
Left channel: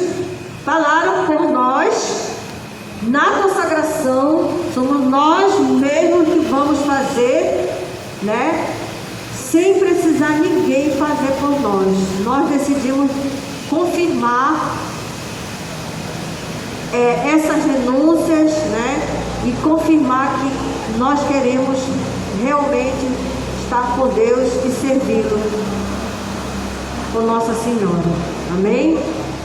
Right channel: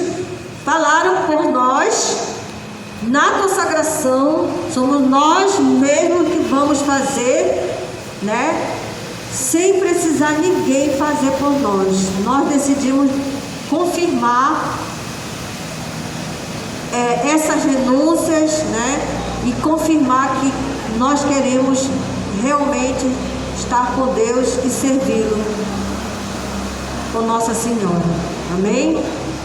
falaram por nós na consagração, somos nós mesmos que vamos fazer, né? Sem precisar ninguém fazer por nós. Nós decidimos confirmar essas renúncias, né? E confirmar que nós queremos realmente estar com Deus e servi-lo com Nossa Senhora. Amém?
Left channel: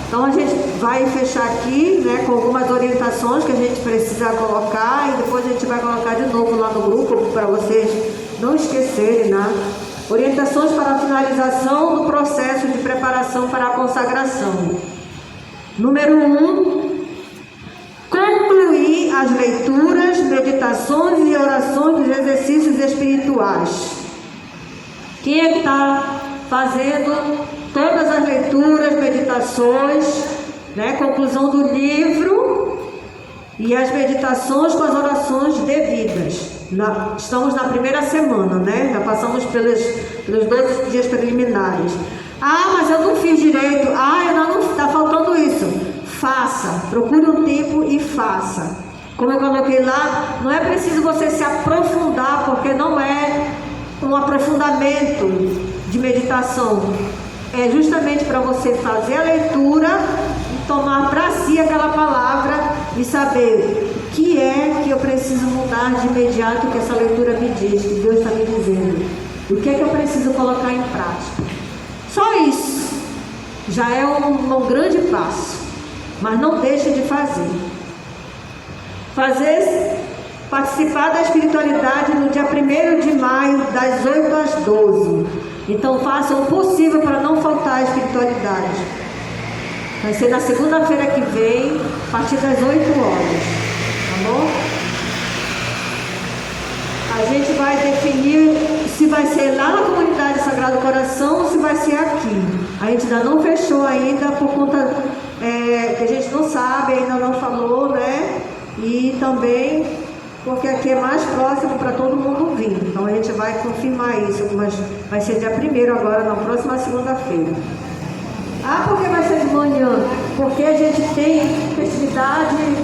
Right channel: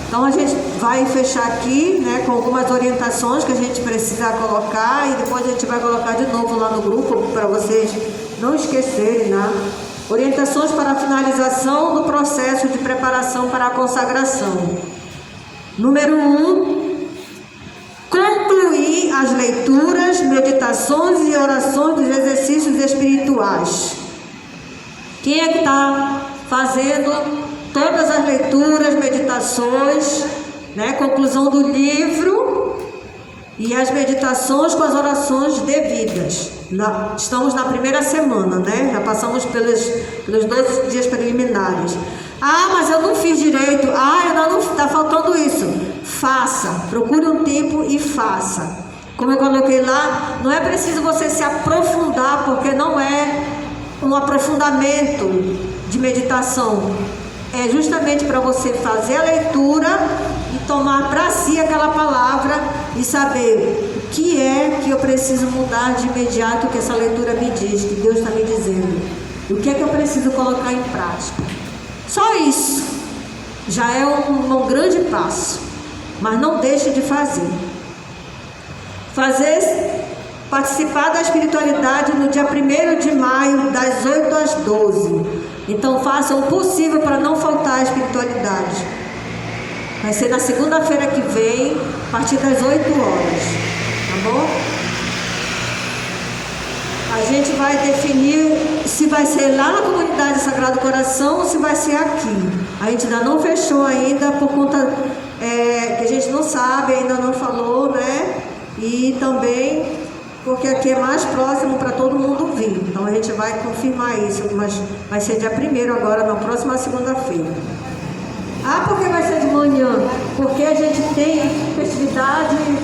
Então a gente vai fechar aqui, né, com algumas orientações que a gente precisa colocar e depois a gente vai colocar de novo lá no grupo para vocês não esquecerem, né? Orientações para a finalização do processo de preparação para a consagração. Número 1, concluir as leituras, meditações e orações dos exercícios espirituais. Quem é que está fazendo todas as leituras, meditações, né? Conclusão do livro e as meditações com as orações devidas. Estamos na primeira semana, né? Já passamos pelos 2 dias preliminares. Ah, mas eu não fiz direito. Ah, ainda não está faltando isso. Faça, procure um tempo e faça. Como eu coloquei lá, não é preciso você se aprofundar, porque não é um aprofundamento de meditação. É justamente para você fazer a leitura e tomar para si aquela palavra e saber o que é que eu preciso mudar de imediato, que essa leitura me diz, que Deus está me dizendo. O que é que eu preciso colocar em prática. Só isso já é um grande passo, mas não deixe de fazer. Participar da espiritualidade no dia 1º de maio, das 8 às 12. Então faça o possível para não faltar a espiritualidade. Vai ser na segunda-feira que vem, a partir das 8 horas. Tá bom? A gente vai definir se vai ser lá na comunidade Sagrado Coração ou se vai ser aqui. A gente ainda não fechou ainda por conta que a gente não sabe, ainda não falou, né? E também porque aqui é mais próximo para todo mundo vir. Então a gente vai confirmar isso, mas vai ser dia 1º agora, na próxima segunda-feira. Ah, por que vai ser de manhã? Porque a gente tem festividade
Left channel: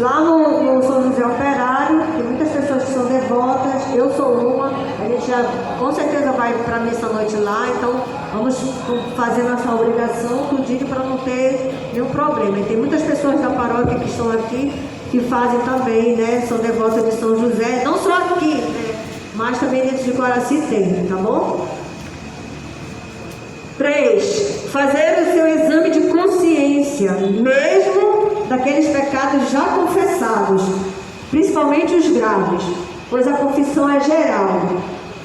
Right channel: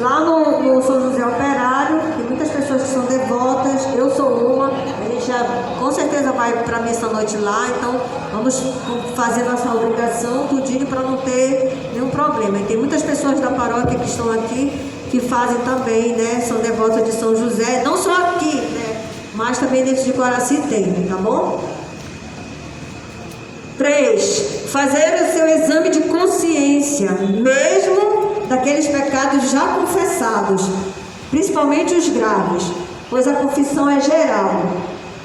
lá no São José Operário, tem muitas pessoas que são devotas, eu sou uma, a gente já com certeza vai para a missa à noite lá, então vamos fazer nossa obrigação tudinho para não ter nenhum problema. E tem muitas pessoas da paróquia que estão aqui que fazem também, né? São devotas de São José, não só aqui, né? Mas também dentro de Guaraci tem, tá bom? 3. Fazer o seu exame de consciência, mesmo daqueles pecados já confessados, principalmente os graves, pois a confissão é geral.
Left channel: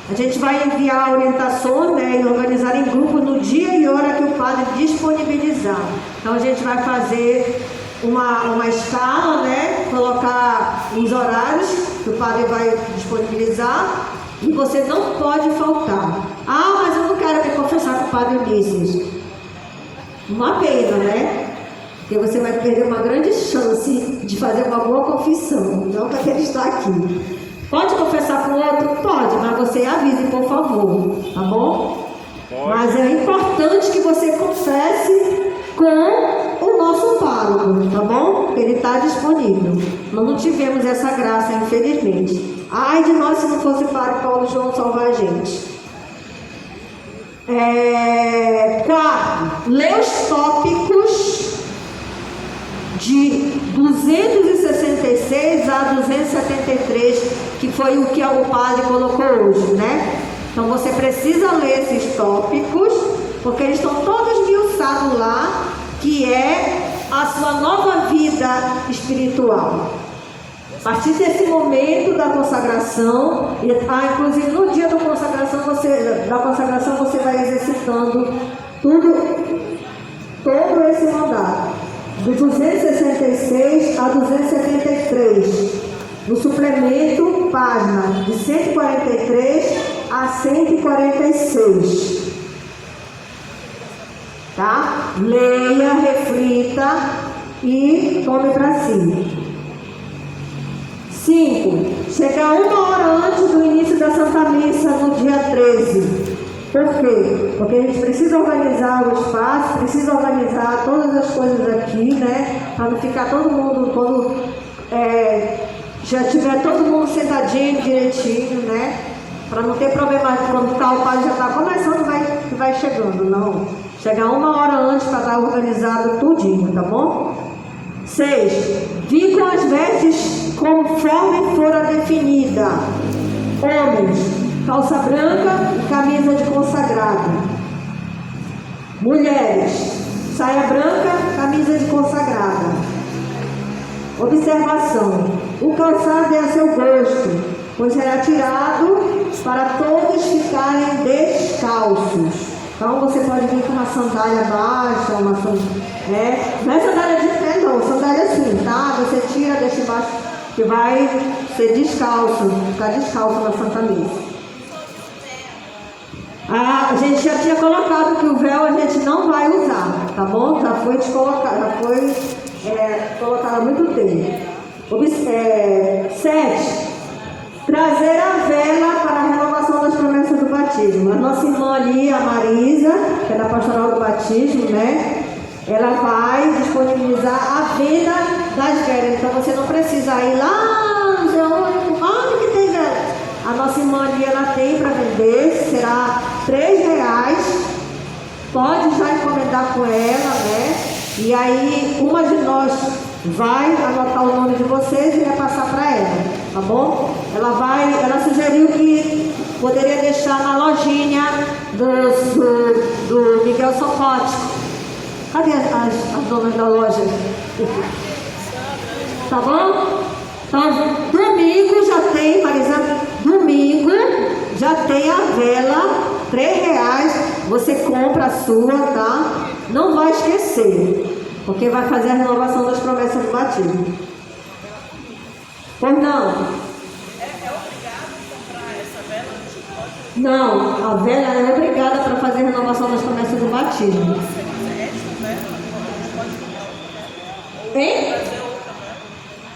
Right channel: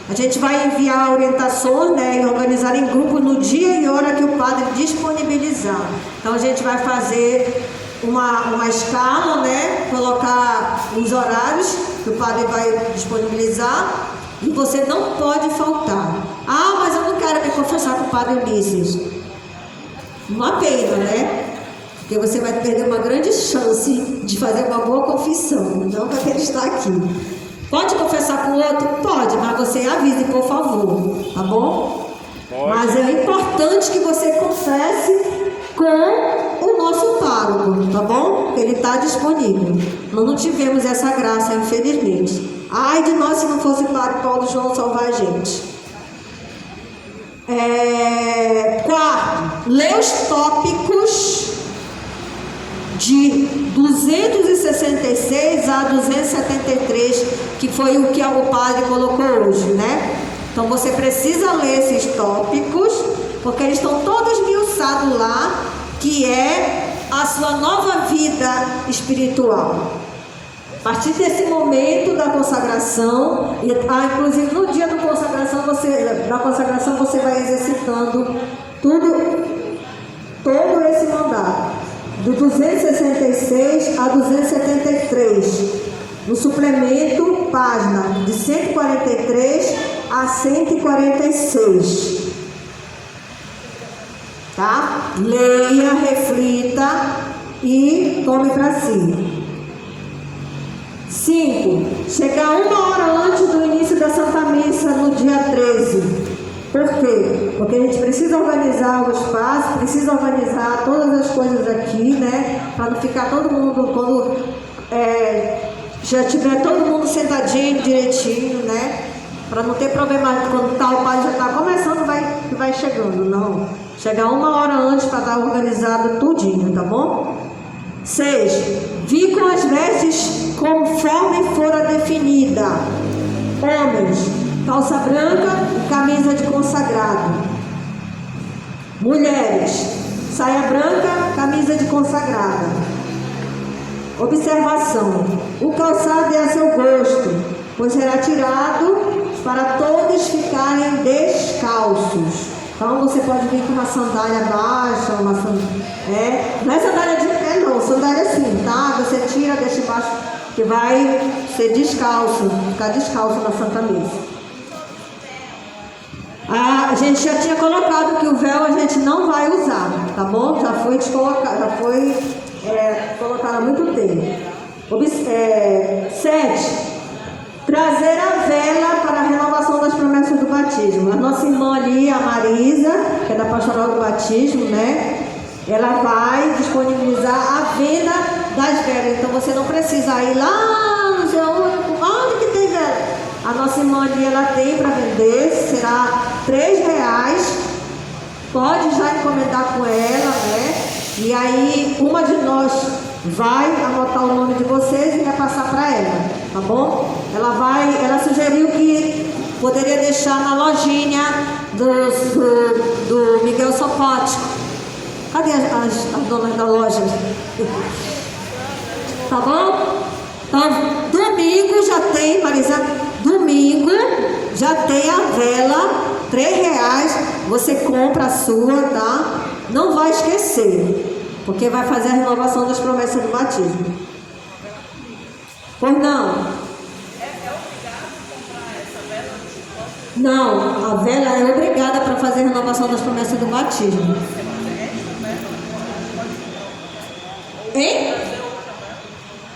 A gente vai enviar orientações, né, e organizar em grupo no dia e hora que o padre disponibilizar. Então a gente vai fazer uma escala, né, colocar os horários que o padre vai disponibilizar e você não pode faltar. Ah, mas eu não quero me confessar com o padre Ulisses. Uma pena, né? Porque você vai perder uma grande chance de fazer uma boa confissão, não para que ele está aqui. Pode confessar com o outro? Pode, mas você avise, por favor, tá bom? Pode. Mas é importante que você confesse com o nosso pároco, tá bom? Ele está disponível. Nós não tivemos essa graça, infelizmente. Ai de nós se não fosse o padre Paulo João salvar a gente. 4. Lê os tópicos de 266 a 273, que foi o que o padre colocou hoje, né? Então você precisa ler esses tópicos, porque eles estão todos esmiuçados lá, que é a sua nova vida espiritual. A partir desse momento da consagração, inclusive no dia da consagração você vai exercitando todo esse mandado, de 266 a 273, no suplemento, página de 143 a 146. Tá? Leia, reflita e tome para si. 5. Chegar 1 hora antes do início da Santa Missa no dia 13. Por quê? Porque a gente precisa organizar o espaço, precisa organizar todas as coisas aqui, né? Para não ficar todo mundo, quando já tiver todo mundo sentadinho, direitinho, né? Para não ter problema, quando o padre já está começando, vai chegando, não. Chegar 1 hora antes para estar organizado tudinho, tá bom? 6. Vir com as vestes conforme fora definida. Homens, calça branca e camisa de consagrado. Mulheres, saia branca, camisa de consagrada. Observação: o calçado é a seu gosto, pois será tirado para todos ficarem descalços. Então você pode vir com uma sandália baixa, não é sandália de pé não, sandália assim, tá? Você tira, deixa embaixo, que vai ser descalço, ficar descalço na Santa Missa. A gente já tinha colocado que o véu a gente não vai usar, tá bom? Já foi descolocado, já foi colocado há muito tempo. 7. Trazer a vela para a renovação das promessas do batismo. A nossa irmã ali, a Marisa, que é da Pastoral do Batismo, né? Ela vai disponibilizar a venda das velas. Então você não precisa ir lá, não sei onde que tem vela. A nossa irmã ali, ela tem para vender, será R$3. Pode já encomendar com ela, né? E aí, uma de nós vai anotar o nome de vocês e vai passar para ela, tá bom? Ela sugeriu que poderia deixar na lojinha do Miguel Sopote. Cadê as donas da loja? Tá bom? Então, domingo já tem, Marisa, domingo já tem a vela, R$3. Você compra a sua, tá? Não vai esquecer, porque vai fazer a renovação das promessas do batismo. Pois não? Não, a vela é obrigada para fazer a renovação das promessas do batismo. Hein?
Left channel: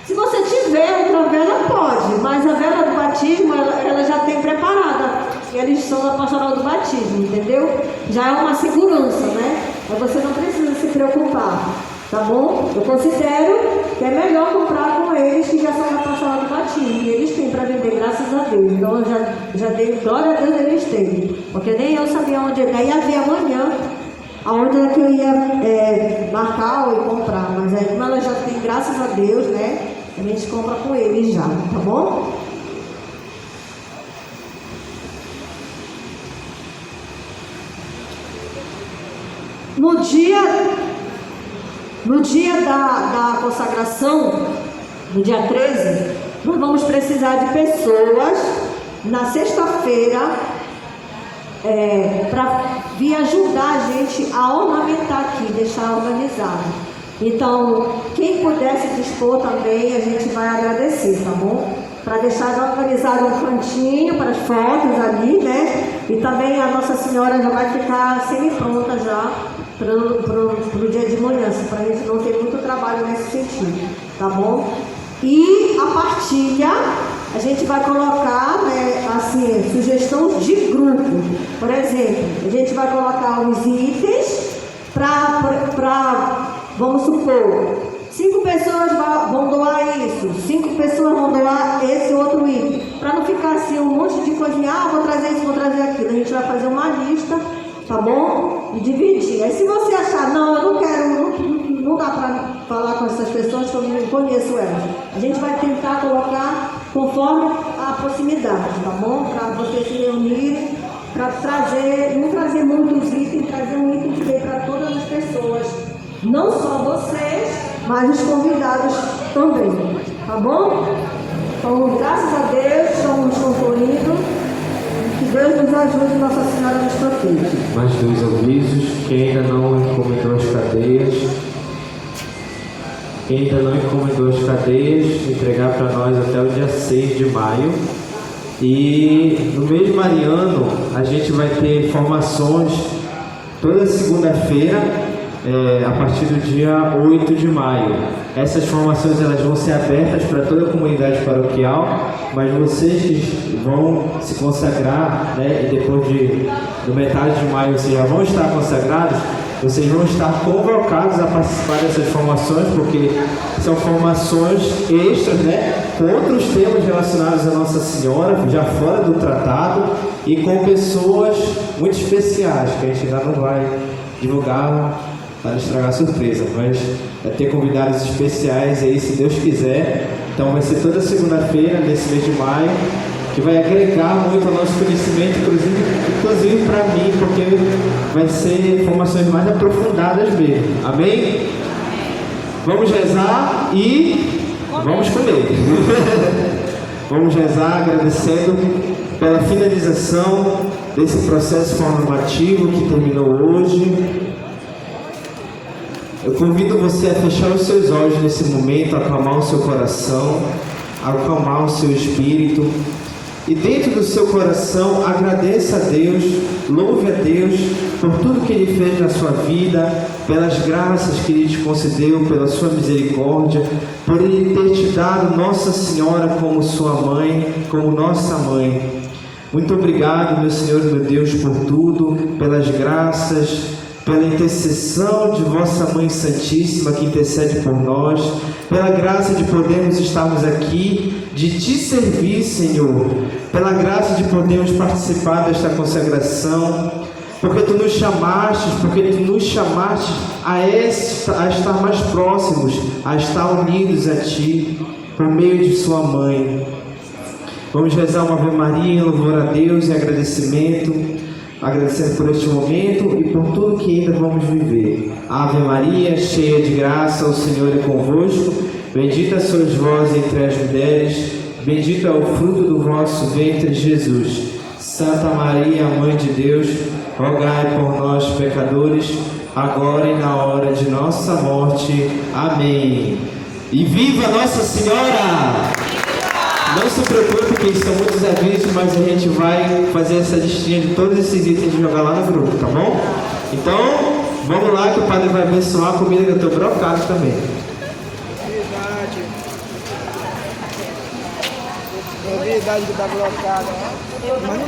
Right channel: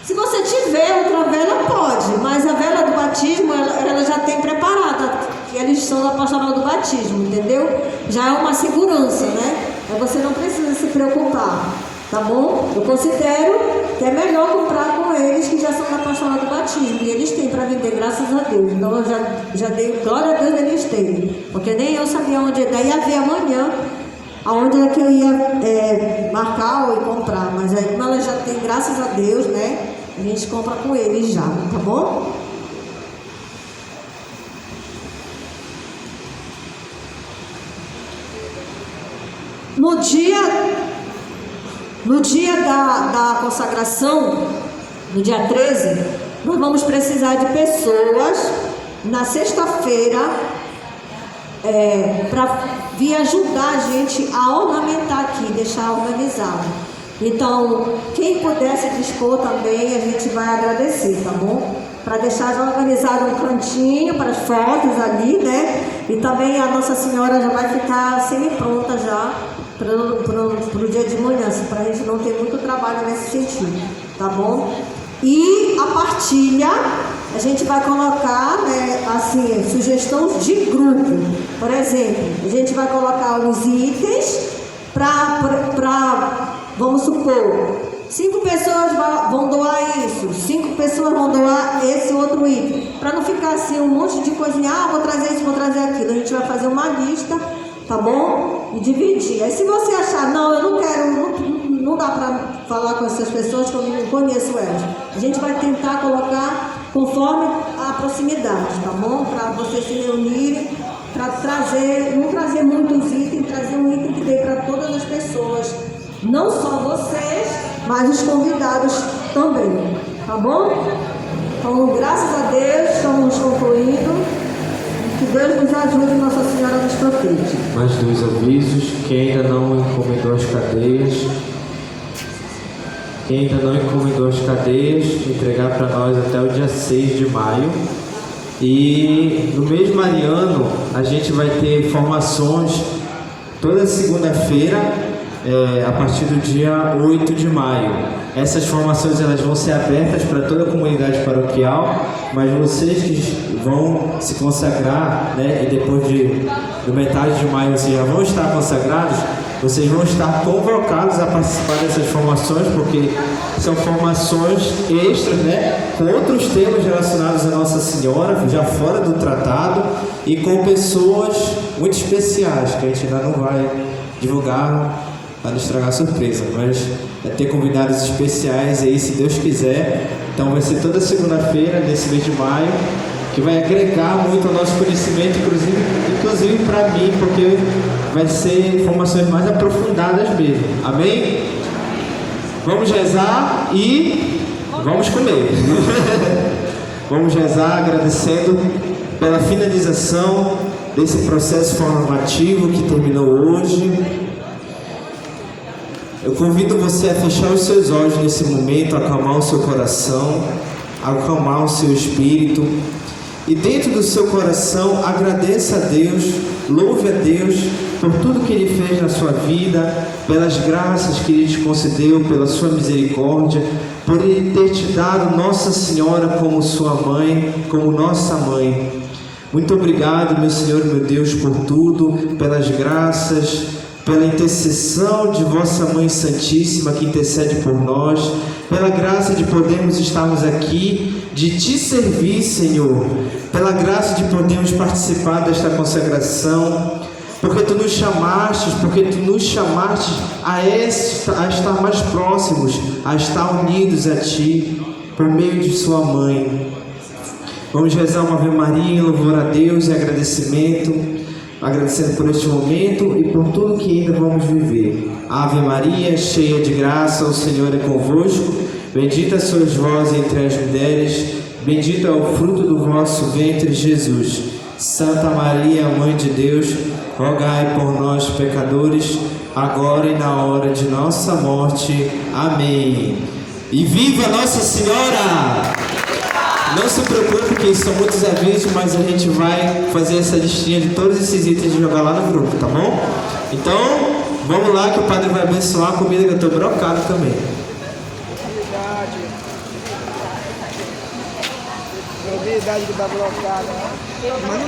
Se você tiver outra vela, pode, mas a vela do batismo, ela já tem preparada. Eles são da Pastoral do Batismo, entendeu? Já é uma segurança, né? Mas você não precisa se preocupar, tá bom? Eu considero que é melhor comprar com eles que já são da Pastoral do Batismo. E eles têm para vender, graças a Deus. Então eu já dei glória a Deus, eles têm. Porque nem eu sabia onde daí ia ver amanhã aonde é que eu ia marcar ou comprar. Mas como ela já tem, graças a Deus, né? No dia da consagração, no dia 13, nós vamos precisar de pessoas na sexta-feira para vir ajudar a gente a ornamentar aqui, deixar organizado. Então, quem puder se dispor também, a gente vai agradecer, tá bom? Para deixar já organizado um cantinho para as fotos ali, né? E também a Nossa Senhora já vai ficar semi-pronta já para o dia de manhã, para a gente não ter muito trabalho nesse sentido, tá bom? E a partilha, a gente vai colocar, né, assim, sugestão de grupo. Por exemplo, a gente vai colocar os itens para vamos supor, 5 pessoas vão doar isso, 5 pessoas vão doar esse outro item. Para não ficar assim um monte de coisinha, vou trazer isso, vou trazer aquilo. A gente vai fazer uma lista, tá bom? E dividir. Aí se você achar, não, eu não quero, não dá para falar com essas pessoas que eu não conheço elas. A gente vai tentar colocar conforme a proximidade, tá bom? Para vocês se reunirem, para não trazer muitos itens, trazer um item que dê para todas as pessoas. Não só vocês, mas os convidados também, tá bom? Então, graças a Deus, estamos concluindo. Que Deus nos ajude e Nossa Senhora nos proteja. Mais 2 avisos: quem ainda não encomendou as cadeias, entregar para nós até o dia 6 de maio. E no mês mariano, a gente vai ter formações toda segunda-feira, a partir do dia 8 de maio. Essas formações elas vão ser abertas para toda a comunidade paroquial, mas vocês que vão se consagrar, né, e depois do metade de maio vocês já vão estar consagrados, vocês vão estar convocados a participar dessas formações, porque são formações extras, né, com outros temas relacionados à Nossa Senhora, já fora do tratado, e com pessoas muito especiais, que a gente ainda não vai divulgar para não estragar a surpresa, mas vai ter convidados especiais aí, se Deus quiser. Então vai ser toda segunda-feira, nesse mês de maio, que vai agregar muito ao nosso conhecimento, inclusive para mim, porque vai ser informações mais aprofundadas mesmo. Amém? Vamos rezar e vamos comer. Vamos rezar agradecendo pela finalização desse processo formativo que terminou hoje. Eu convido você a fechar os seus olhos nesse momento, acalmar o seu coração, acalmar o seu espírito. E dentro do seu coração, agradeça a Deus, louve a Deus por tudo que Ele fez na sua vida, pelas graças que Ele te concedeu, pela sua misericórdia, por Ele ter te dado Nossa Senhora como sua mãe, como nossa mãe. Muito obrigado, meu Senhor e meu Deus, por tudo, pelas graças, pela intercessão de vossa Mãe Santíssima que intercede por nós, pela graça de podermos estarmos aqui, de te servir, Senhor, pela graça de podermos participar desta consagração, porque tu nos chamaste a estar mais próximos, a estar unidos a ti, por meio de sua Mãe. Vamos rezar uma Ave Maria, louvor a Deus e agradecimento, agradecendo por este momento e por tudo que ainda vamos viver. Ave Maria, cheia de graça, o Senhor é convosco. Bendita sois vós entre as mulheres, bendito é o fruto do vosso ventre, Jesus. Santa Maria, Mãe de Deus, rogai por nós, pecadores, agora e na hora de nossa morte. Amém. E viva Nossa Senhora! Não se preocupe que são muitos avisos, mas a gente vai fazer essa listinha de todos esses itens e jogar lá no grupo, tá bom? Então, vamos lá que o Padre vai abençoar a comida que eu estou brocado também. Verdade que está brocada, né?